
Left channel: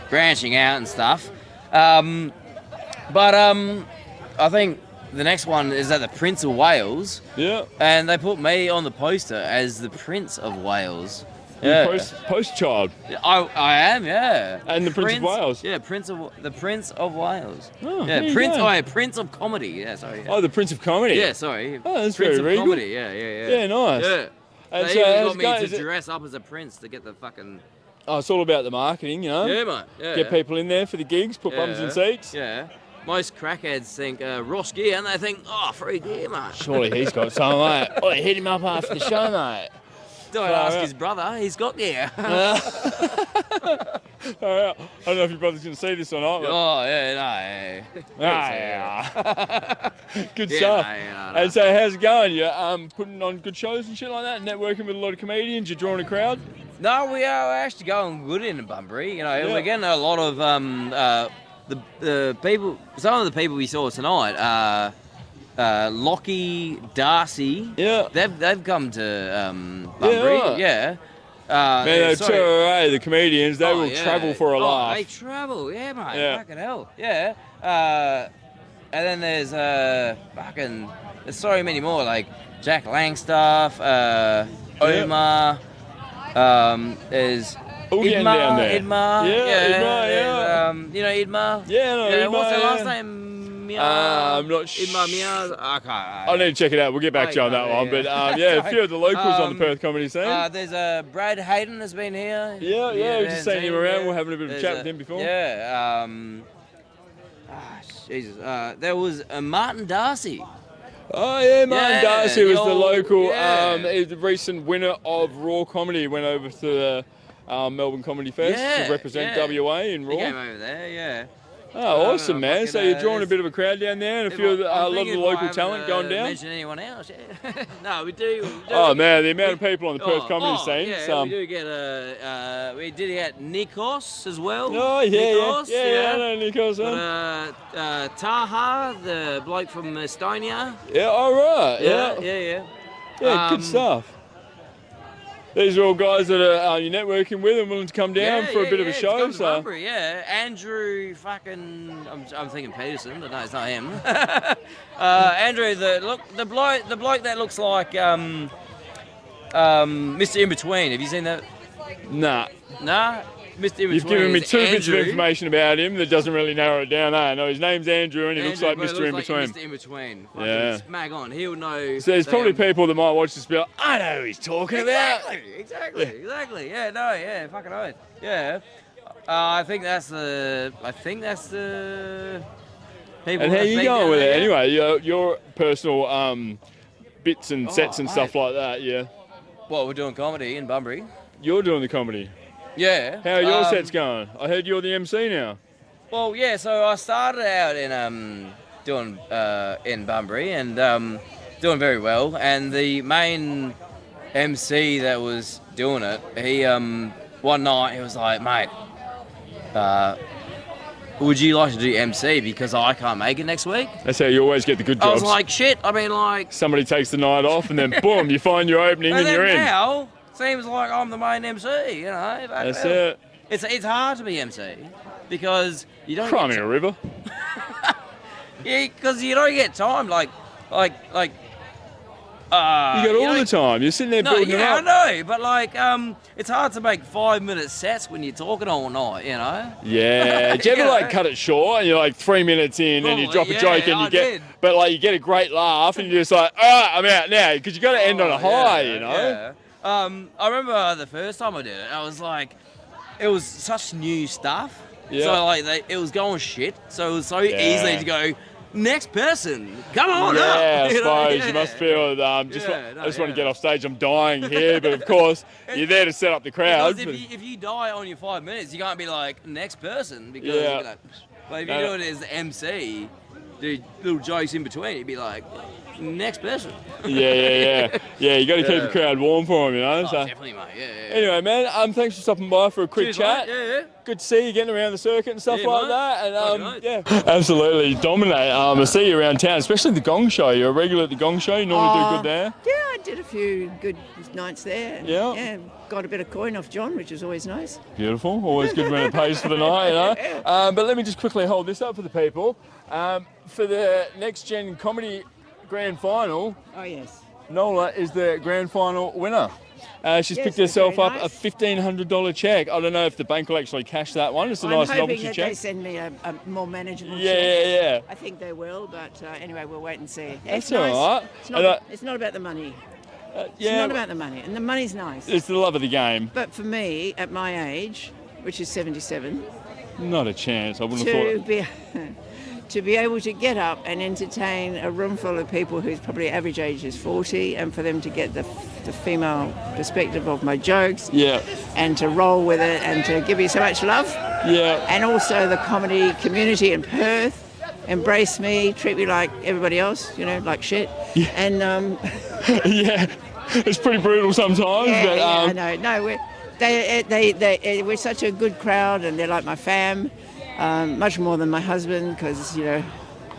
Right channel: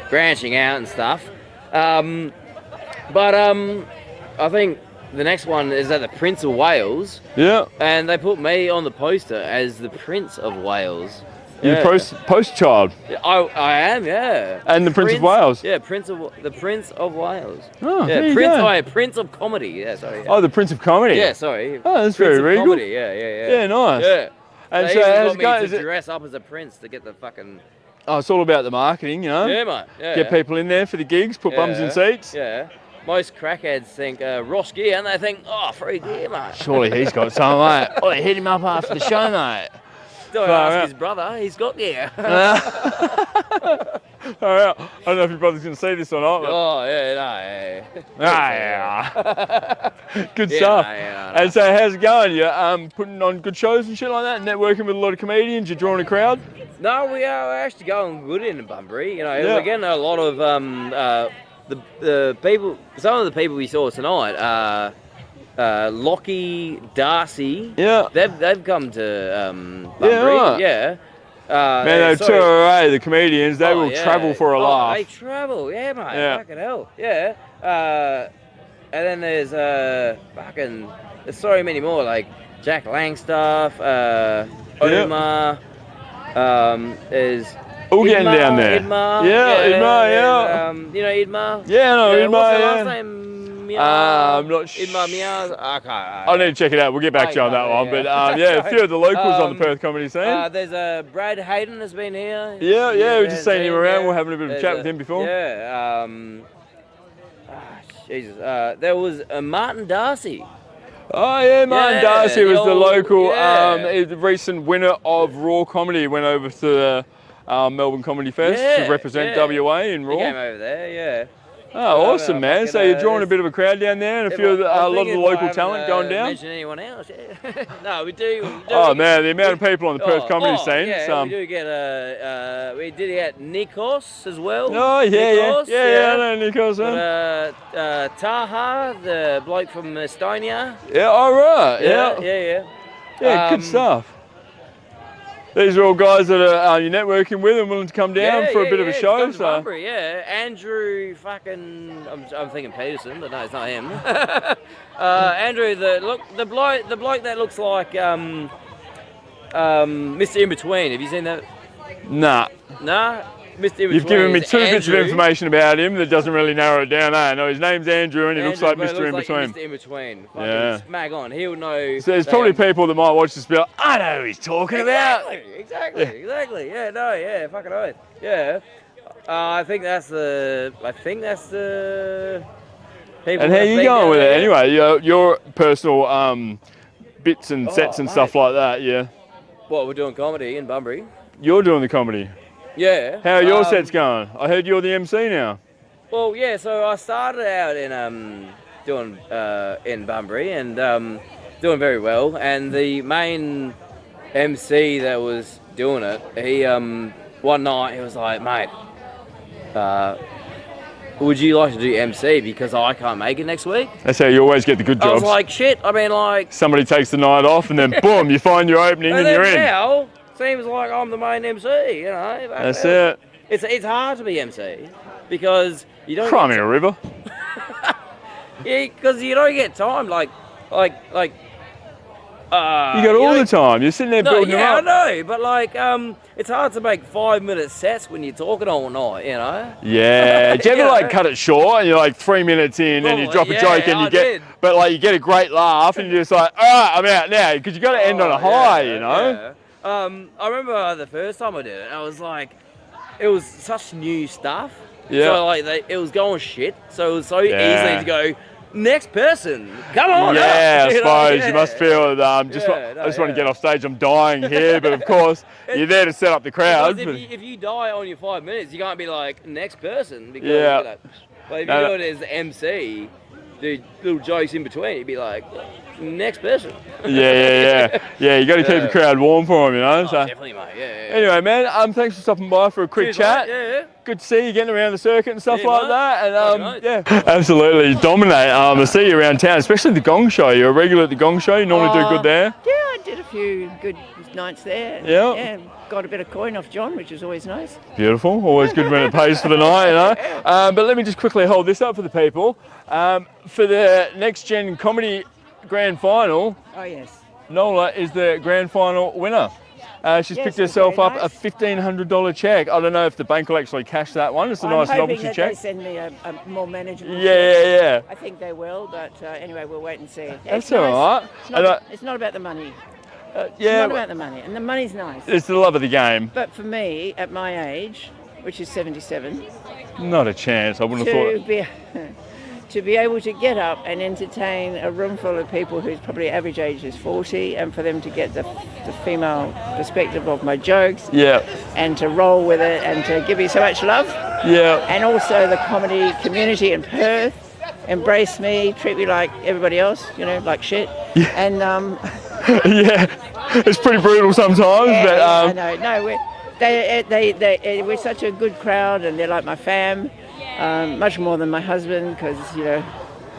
branching out and stuff. But I think the next one is at the Prince of Wales. Yeah. And they put me on the poster as the Prince of Wales. You're the post child. Yeah, I am, yeah. And the Prince of Wales. Yeah, the Prince of Wales. Oh, yeah, Prince of Comedy. Yeah, sorry. Yeah. Oh, the Prince of Comedy. Yeah, sorry. Oh, that's Prince very regal. Comedy. Yeah. Yeah, nice. Yeah. And they so even got me to dress up as a prince to get the fucking. Oh, it's all about the marketing, you know. Yeah, mate. Yeah. Get people in there for the gigs, put bums in seats. Yeah. most crackheads think Ross gear, and they think, oh, free gear, mate. Surely he's got some, mate. Oh, hit him up after the show, mate. Don't ask his brother, he's got gear. All right. I don't know if your brother's going to see this or not. But... Oh, yeah. Yeah. Good stuff. And so how's it going? You're putting on good shows and shit like that, networking with a lot of comedians, you're drawing a crowd? No, we are actually going good in Bunbury. You know, we're getting a lot of the people, some of the people we saw tonight, Lockie, Darcy, they've come to Bunbury, Man, they tour away, the comedians, they will travel for a laugh. They travel, mate, fucking hell, and then there's there's so many more, like Jack Langstaff, Omar, there's all getting down there. Idmar, Idmar, you know Idmar? Yeah, I know Idmar, what's the last name? I'm not sure. Idmar Meow? Okay. I'll need to check it out. We'll get back to you on that one. But a few of the locals on the Perth comedy scene. There's Brad Hayden has been here. Yeah, we've just seen him around. We're having a bit of a chat with him before. Jesus. There was Martin Darcy. Oh yeah, Martin Darcy was the local, he's the recent winner of Raw Comedy. He went over to the Melbourne Comedy Fest to represent WA in Raw. He came over there, Oh, awesome, man. So you're drawing a bit of a crowd down there and a lot of the local talent going down? Mention anyone else, No, we do. Oh, man, the amount of people on the Perth comedy scene. We do get, we did get Nikos as well. Oh, I know Nikos, Taha, the bloke from Estonia. Yeah, all right, Yeah, good stuff. These are all guys that are you're networking with and willing to come down for a bit of a show. So Andrew, I'm thinking Peterson, but no, it's not him. Andrew, the bloke that looks like Mr. In Between. Have you seen that? Nah. No. Mr. In Between. You've given me two bits of information about him that doesn't really narrow it down. No, his name's Andrew and he looks like Mr. In Between. Mr. In Between. Yeah. Smack on. He'll know. So there's probably people that might watch this and be like, I know who he's talking about. Exactly. Yeah, fucking oath. Yeah. I think that's the. People. And how you going with it? Anyway, your personal bits and sets and stuff like that. Yeah. What, we're doing comedy in Bunbury? You're doing the comedy. Yeah. How are your sets going? I heard you're the MC now. Well, yeah. So I started out in doing in Bunbury and doing very well. And the main MC that was doing it, he one night he was like, mate, would you like to do MC because I can't make it next week? That's how you always get the good jobs. I was like, shit. I mean, like somebody takes the night off and then boom, you find your opening and you're in. Now, seems like I'm the main MC, you know. That's it. It's hard to be MC because you don't. Cry me a river. Yeah, because you don't get time. Like. You got all the time. You're sitting there building them up. I know, but like, it's hard to make 5-minute sets when you're talking all night, you know. Yeah. Do you ever like cut it short and you're like 3 minutes in and you drop a joke and you get a great laugh and you're just like, all right, I'm out now because you got to end on a high, you know. Yeah. I remember the first time I did it, I was like, it was such new stuff. Yeah. So like, it was going shit. So it was so easy to go, next person, come on. Yeah, I suppose you must feel I just want to get off stage. I'm dying here, but of course you're there to set up the crowd. If you die on your 5 minutes, you can't be like next person because but if you do it as the MC, do little jokes in between, you'd be like next person. Yeah. You got to keep the crowd warm for them, you know. So definitely, mate. Yeah. Anyway, man, thanks for stopping by for a quick chat. Mate. Yeah. Good to see you getting around the circuit and stuff like that. And absolutely dominate. I see you around town, especially the Gong Show. You're a regular at the Gong Show. You normally do good there. Yeah, I did a few good nights there. Yeah. Got a bit of coin off John, which is always nice. Beautiful. Always good when it pays for the night, you know. But let me just quickly hold this up for the people. For the Next Gen Comedy Grand Final. Oh yes. Nola is the grand final winner. She's picked herself up a $1,500 check. I don't know if the bank will actually cash that one. It's a nice novelty check. They send me a more manageable check. Yeah. I think they will, but anyway, we'll wait and see. That's all right. It's not about the money. It's not about the money, and the money's nice. It's the love of the game. But for me, at my age, which is 77, not a chance. I wouldn't have thought. to be able to get up and entertain a room full of people whose probably average age is 40, and for them to get the female perspective of my jokes, and to roll with it and to give me so much love, and also the comedy community in Perth embrace me, treat me like everybody else, you know, like shit, and it's pretty brutal sometimes, but I know. No, we're such a good crowd, and they're like my fam. Much more than my husband, because, you know,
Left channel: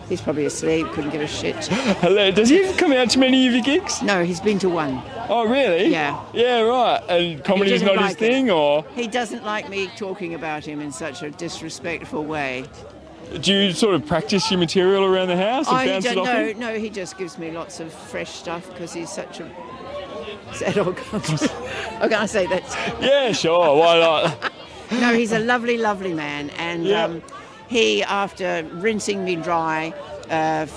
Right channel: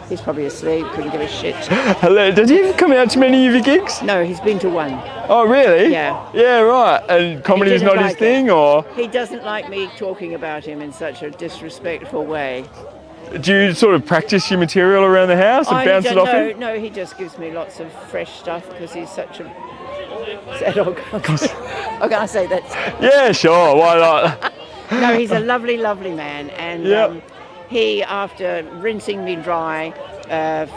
he's probably asleep, couldn't give a shit. Does he come out to many of your gigs? No, he's been to one. Oh, really? Yeah. Yeah, right. And comedy is not his thing, or? He doesn't like me talking about him in such a disrespectful way. Do you sort of practice your material around the house and bounce it off him? No, he just gives me lots of fresh stuff because he's such a sad old guy. I'm going to say that. Yeah, sure. Why not? No, he's a lovely, lovely man, and he, after rinsing me dry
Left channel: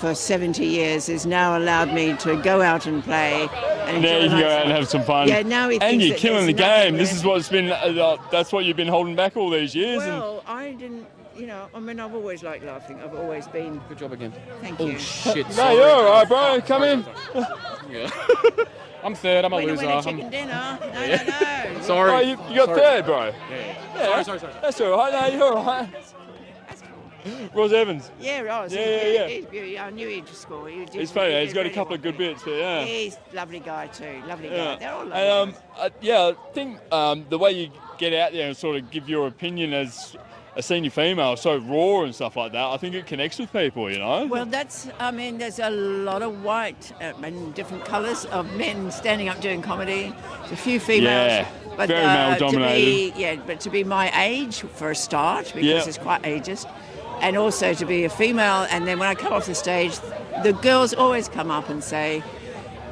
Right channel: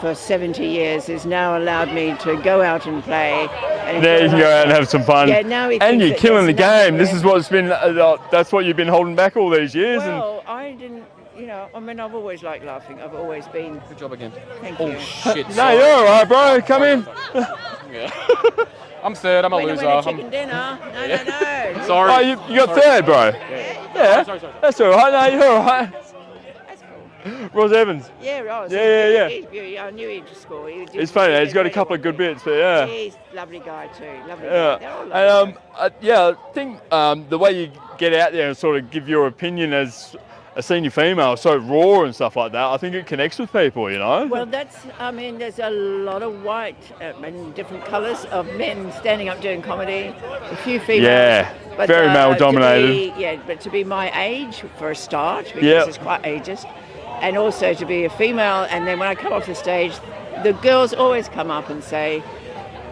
for 70 years, has now allowed me to go out and play. And there you can go out and have some fun. Yeah, now he and you're killing the game. This is what's been, that's what you've been holding back all these years. Well, I didn't, you know, I mean, I've always liked laughing. I've always been. Good job again. Thank you. Shit. No, you're all right, bro. Come in. I'm third. I'm a Well, loser. you went to chicken dinner. No. Sorry. Oh, you got third, bro. Yeah. Sorry. That's all right. No, you're all right. Ross Evans. Yeah, right. Yeah. I knew he'd score. It's funny. He's got a couple of good bits, but yeah. He's a lovely guy too. Lovely Yeah. guy. They're all lovely. And I think the way you get out there and sort of give your opinion as a senior female, so raw and stuff like that, I think it connects with people, you know? Well, there's a lot of white and different colours of men standing up doing comedy. A few females. Yeah, but, very male dominated. But to be my age for a start, because it's quite ageist, and also to be a female, and then when I come off the stage, the girls always come up and say,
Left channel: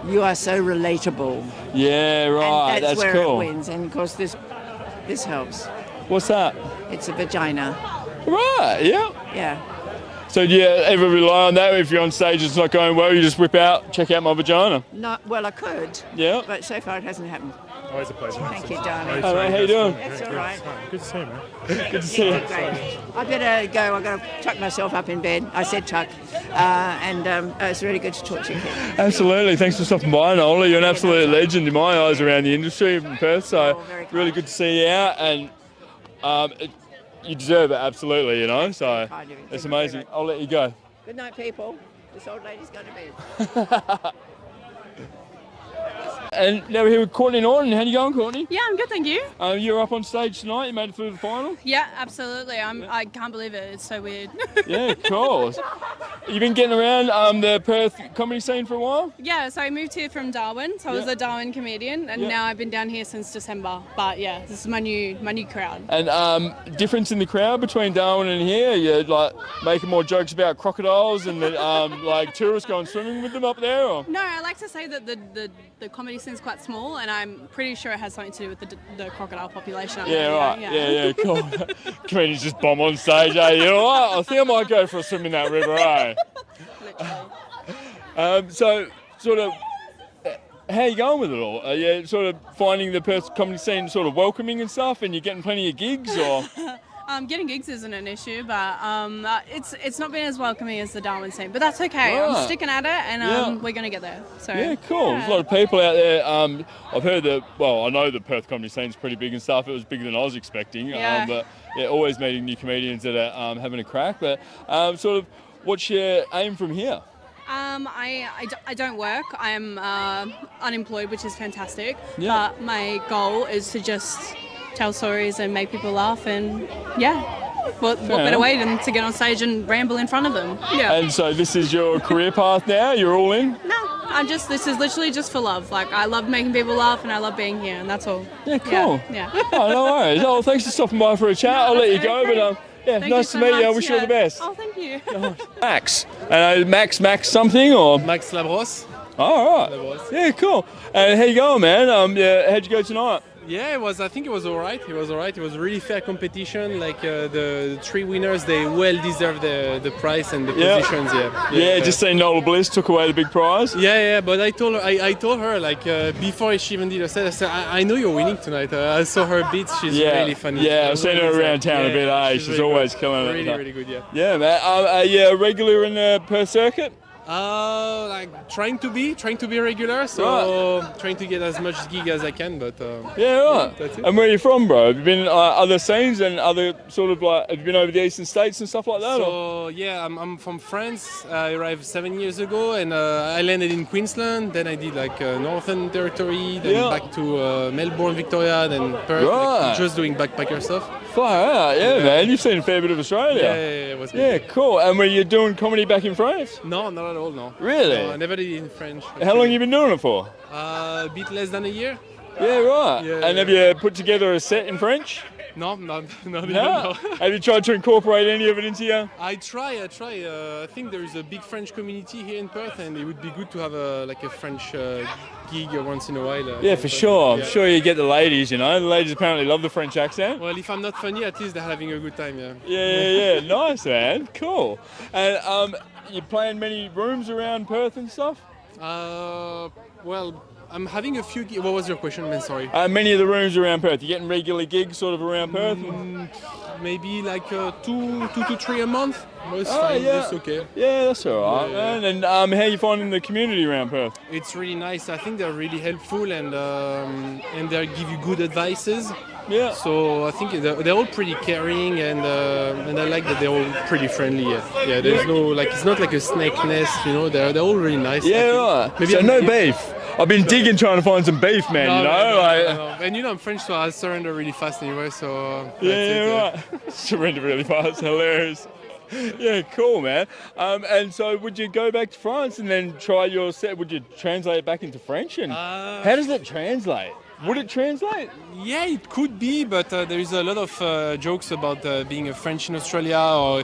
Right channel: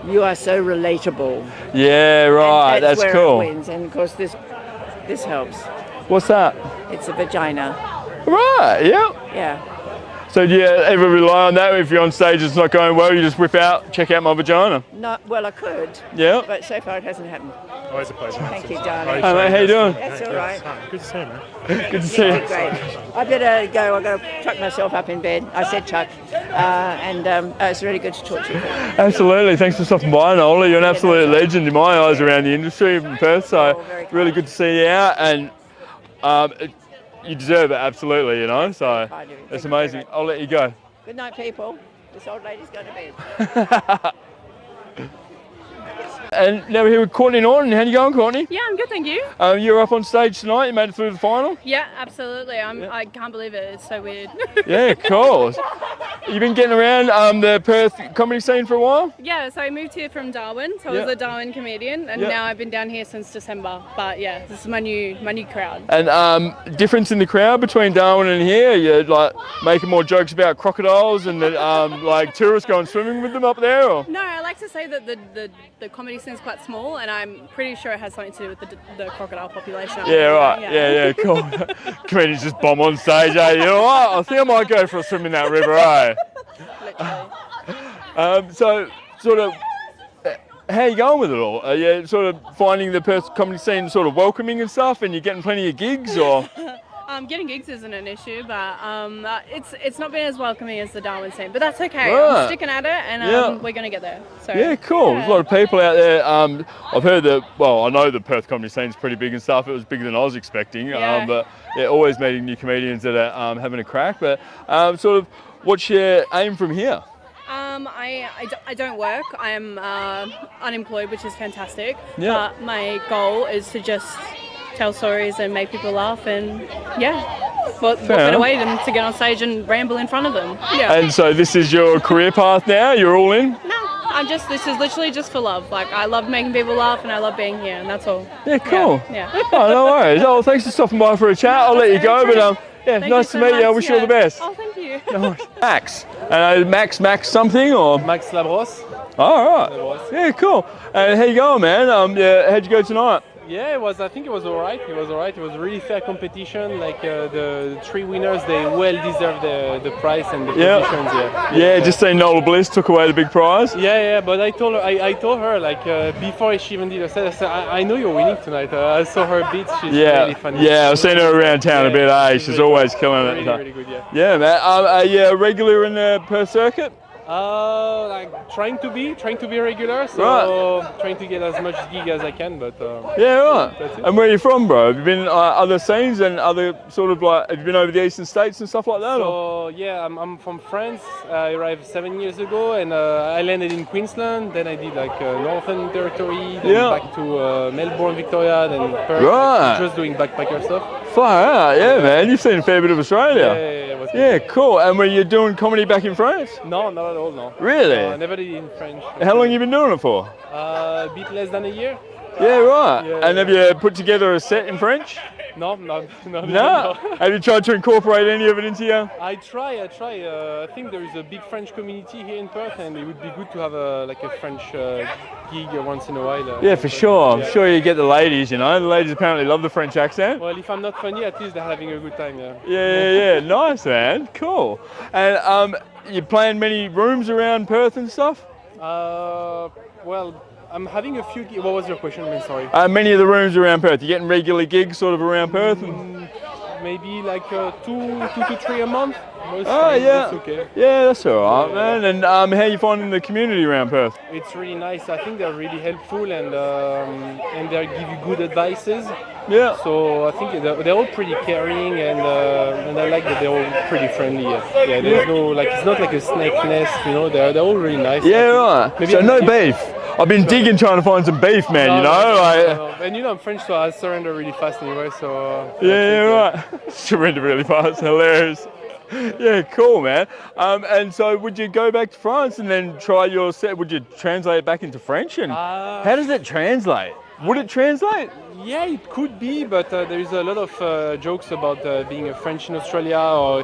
"You are so relatable." Yeah, right. And that's where cool. It wins, and of course this helps. What's that? It's a vagina. Right. Yeah. Yeah. So do you ever rely on that? If you're on stage, it's not going well, you just whip out, check out my vagina. No, well, I could. Yeah. But so far it hasn't happened. Always a pleasure. Thank you, darling. Hey, mate, how you doing? That's all right. Good to see you, man. Good to see you. Great. I better go. I've got to tuck myself up in bed. I said tuck. It's really good to talk to you. Absolutely. Thanks for stopping by, Nola. You're an absolute legend in my eyes around the industry in Perth. So really good to see you out, and you deserve it, absolutely, you know. So it's amazing. I'll let you go. Good night, people. This old lady's going to bed. And now we're here with Courtney Norton. How you going, Courtney? Yeah, I'm good, thank you. You're up on stage tonight. You made it through the final. Yeah, absolutely. I can't believe it. It's so weird. Yeah, cool. You've been getting around the Perth comedy scene for a while? Yeah, so I moved here from Darwin. So I was a Darwin comedian, and now I've been down here since December. But yeah, this is my new crowd. And difference in the crowd between Darwin and here? You're like making more jokes about crocodiles and like tourists going swimming with them up there? Or? No, I like to say that the comedy scene's quite small, and I'm pretty sure it has something to do with the crocodile population. Yeah, right. Yeah, cool. Comedians just bomb on stage, eh? You know what? I think I might go for a swim in that river, eh? So, sort of, how are you going with it all? Are you sort of finding the Perth comedy scene sort of welcoming and stuff, and you're getting plenty of gigs, or? Getting gigs isn't an issue, but it's not been as welcoming as the Darwin scene. But that's okay. Right. I'm sticking at it, and we're going to get there. So Yeah, cool. There's a lot of people out there. I've heard that, well, I know the Perth comedy scene's pretty big and stuff. It was bigger than I was expecting. Yeah. But yeah, always meeting new comedians that are having a crack. But sort of, what's your aim from here? I don't work. I am unemployed, which is fantastic. Yeah. But my goal is to just tell stories and make people laugh, and what better way than to get on stage and ramble in front of them? Yeah. And so this is your career path now? You're all in? No, this is literally just for love. Like, I love making people laugh, and I love being here, and that's all. Yeah, cool. Yeah. Oh, no worries. Oh, thanks for stopping by for a chat. I'll let you go, but Thank nice you to so meet you. I much. wish you all the best. Oh, thank you. Max. Max something, or? Max Labos. All right. Yeah, cool. How you going, man? How'd you go tonight? Yeah, it was. I think it was alright. It was alright. It was really fair competition. Like the three winners, they well deserve the prize and the positions. Yeah. Just saying, Nola Bliss took away the big prize. Yeah. But I told her like before she even did her set, I said, I know you're winning tonight. I saw her beats. She's really funny. Yeah, I've seen her around town a bit. She's really always killing it. Really good. Yeah. Yeah, man. Are you a regular in the Perth circuit? Like trying to be regular, so trying to get as much gig as I can, but right. That's it. And where are you from, bro? Have you been other scenes and other sort of like, have you been over the eastern states and stuff like that? So yeah, I'm from France. I arrived 7 years ago, and I landed in Queensland. Then I did like Northern Territory, then back to Melbourne, Victoria, then Perth. Like, just doing backpacker stuff. Far out, man. You've seen a fair bit of Australia. Yeah, cool. And were you doing comedy back in France? No, not at all, no. Really? I never did it in French. How long have you been doing it for? A bit less than a year. Yeah, right. Yeah, and have you put together a set in French? No. Have you tried to incorporate any of it into you? I try. I think there is a big French community here in Perth, and it would be good to have a French gig once in a while. Yeah, for sure. I'm sure you get the ladies, you know. The ladies apparently love the French accent. Well, if I'm not funny, at least they're having a good time, Yeah. Nice, man. Cool. And you playing many rooms around Perth and stuff? Well, I'm having a few. What was your question, man? Sorry. Many of the rooms around Perth. You getting regular gigs sort of around Perth? Maybe like 2 to 3 a month. Most That's okay. Yeah, that's all right, man. And how are you finding the community around Perth? It's really nice. I think they're really helpful and they give you good advices. Yeah. So I think they're all pretty caring and I like that they're all pretty friendly. Yeah. There's no like it's not like a snake nest, you know. They're all really nice. Yeah, right. Maybe so no beef. I've been digging trying to find some beef, man. No. And I'm French, so I surrender really fast anyway. So right. Surrender really fast. Hilarious. Yeah, cool, man. And so, would you go back to France and then try your set? Would you translate it back into French? And how does that translate? Would it translate? Yeah, it could be, but there is a lot of jokes about being a French in Australia or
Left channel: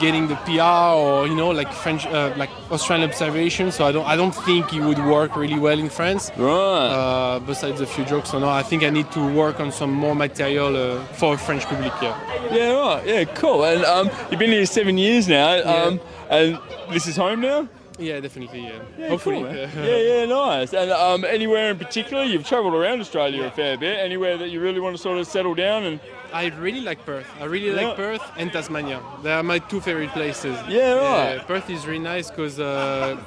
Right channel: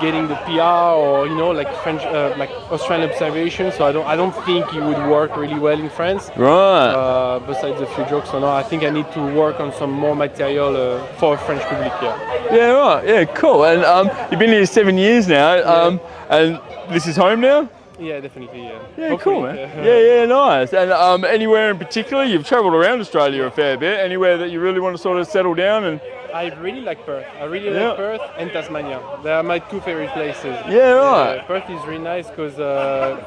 getting the PR or like French, like Australian observation. So I don't think it would work really well in France. Right. Besides a few jokes, I think I need to work on some more material for a French public. Yeah, right. Yeah, cool. And you've been here 7 years now, and this is home now. Yeah, definitely. Yeah, hopefully, cool, man. Yeah, nice. And anywhere in particular, you've travelled around Australia a fair bit. Anywhere that you really want to sort of settle down and? I really like Perth. I really like Perth and Tasmania. They are my two favorite places. Yeah, right. Perth is really nice because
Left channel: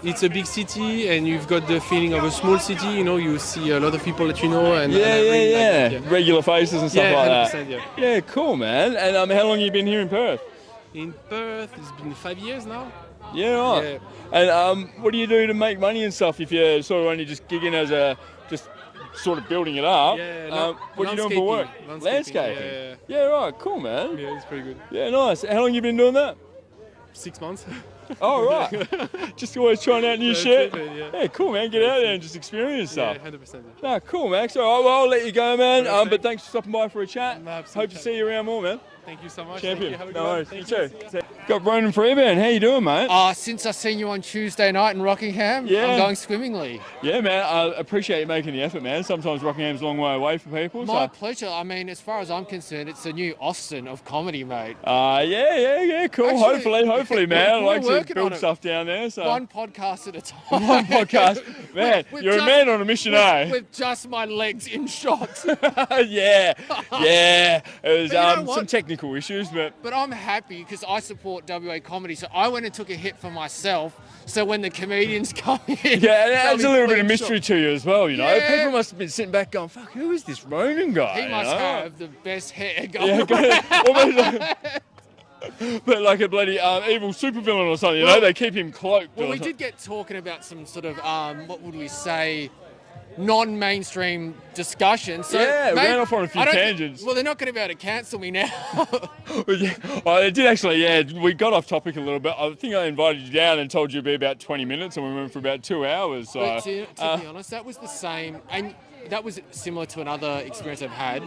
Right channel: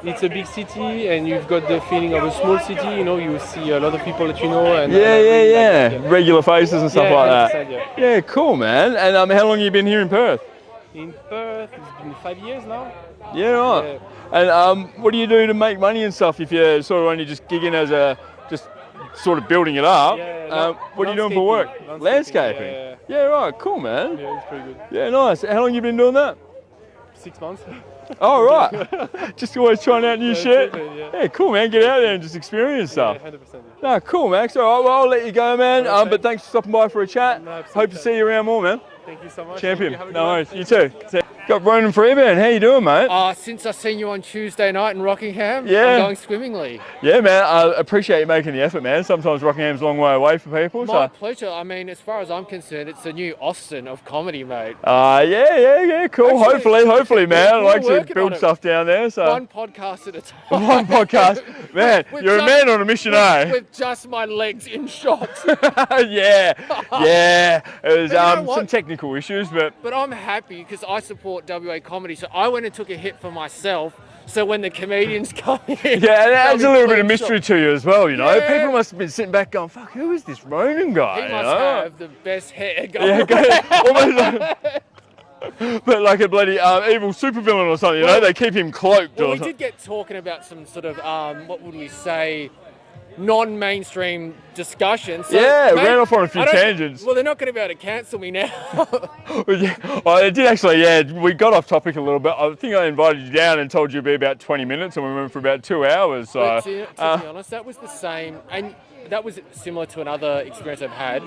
it's a big city and you've got the feeling of a small city. You see a lot of people that you know. And regular faces and stuff like that. Yeah, cool, man. And how long have you been here in Perth? In Perth, it's been 5 years now. Yeah, right. Yeah. And what do you do to make money and stuff if you're sort of only just gigging as just sort of building it up? What are you doing for work? Landscaping. Yeah, right. Cool, man. Yeah, it's pretty good. Yeah, nice. How long have you been doing that? 6 months. Oh, right. Just always trying out new shit. Yeah, cool, man. Get out there and just experience stuff. Yeah, 100%. No, cool, Max. All right, well, I'll let you go, man. But thanks for stopping by for a chat. Hope to see you around more, man. Thank you so much. Champion. No worries. You too. Got Ronan Freeburn. How you doing, mate? Since I seen you on Tuesday night in Rockingham, I'm going swimmingly. Yeah, man. I appreciate you making the effort, man. Sometimes Rockingham's a long way away for people. My pleasure. I mean, as far as I'm concerned, it's the new Austin of comedy, mate. Yeah. Cool. Actually, hopefully, man. I like to build stuff down there. So one podcast at a time. One podcast. Man, you're a man on a mission, with just my legs in shot. Yeah. It was some technical issues, but I'm happy because I support WA comedy, so I went and took a hit for myself. So when the comedians come in, it adds a little bit of mystery to you as well. People must have been sitting back going, "Fuck, who is this Ronan guy?" He must have the best hair going. Almost but like a bloody evil supervillain or something. They keep him cloaked. Well, we did get talking about some sort of what would we say? Non-mainstream discussion. So, ran off on a few tangents. Well, they're not going to be able to cancel me now. It did actually, we got off topic a little bit. I think I invited you down and told you it'd be about 20 minutes and we went for about 2 hours. So, but to be honest, that was the same. And that was similar to another experience I've had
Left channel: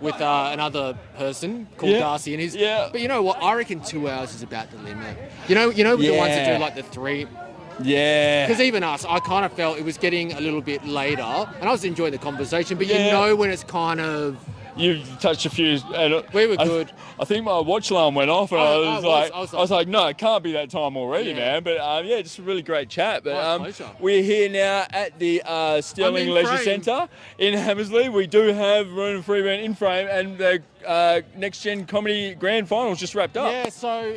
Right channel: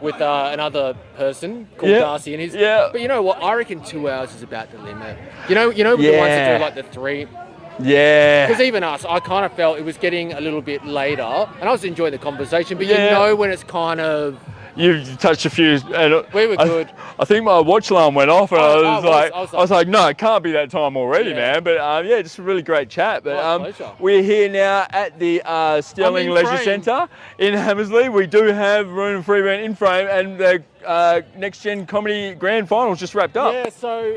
with another person called Darcy. And But you know what? I reckon 2 hours is about the limit. You know the ones that do like the 3... Yeah. Because even us, I kind of felt it was getting a little bit later, and I was enjoying the conversation, but you know when it's kind of... You've touched a few. We were good. I think my watch alarm went off, and I was like, no, it can't be that time already, man. But yeah, just a really great chat. But we're here now at the Sterling Leisure Centre in Hammersley. We do have Roon and Freeburn in frame, and the Next Gen Comedy Grand Finals just wrapped up. Yeah, so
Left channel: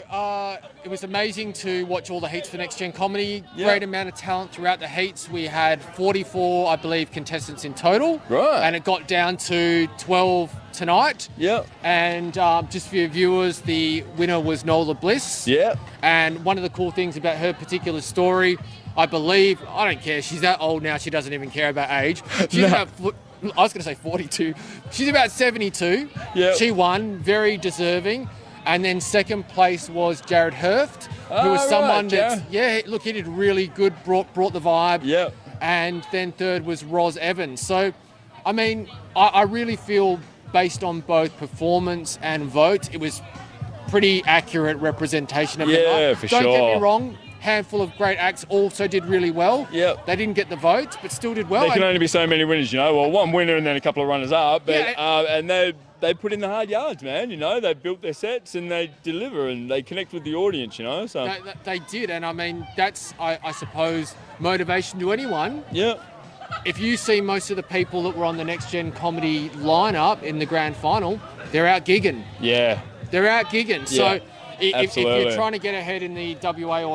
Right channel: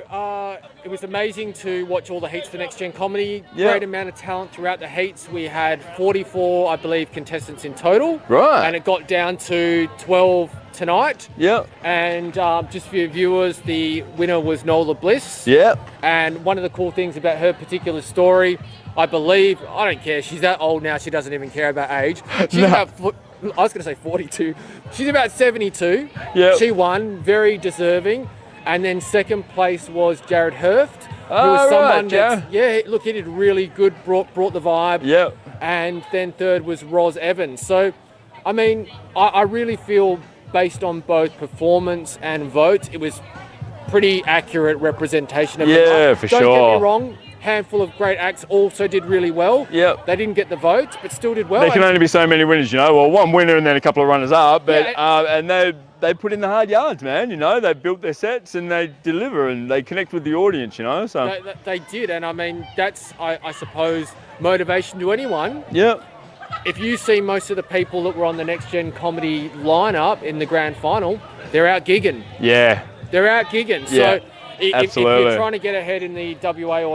it was amazing to watch all the heats for Next Gen Comedy. Great amount of talent throughout the heats. We had 44, I believe, contestants in total. Right. And it got down to 12 tonight. Yep. And just for your viewers, the winner was Nola Bliss. Yep. And one of the cool things about her particular story, I believe, I don't care, she's that old now, she doesn't even care about age. She's about, I was going to say 42. She's about 72. Yep. She won, very deserving. And then second place was Jared Hurft, who was someone that, look, he did really good, brought the vibe. Yep. And then third was Roz Evans. So, I mean, I really feel based on both performance and votes, it was pretty accurate representation of for sure. Don't get me wrong, handful of great acts also did really well. Yep. They didn't get the votes, but still did well. There can only be so many winners, you know. Well, one winner and then a couple of runners up, but and they put in the hard yards, man. You know, they built their sets and they deliver and they connect with the audience, you know. So they did, and I mean that's I suppose motivation to anyone. Yeah. If you see most of the people that were on the Next Gen Comedy lineup in the grand final, they're out gigging. Yeah. They're out gigging. Yeah. So if you're trying to get ahead in the WA or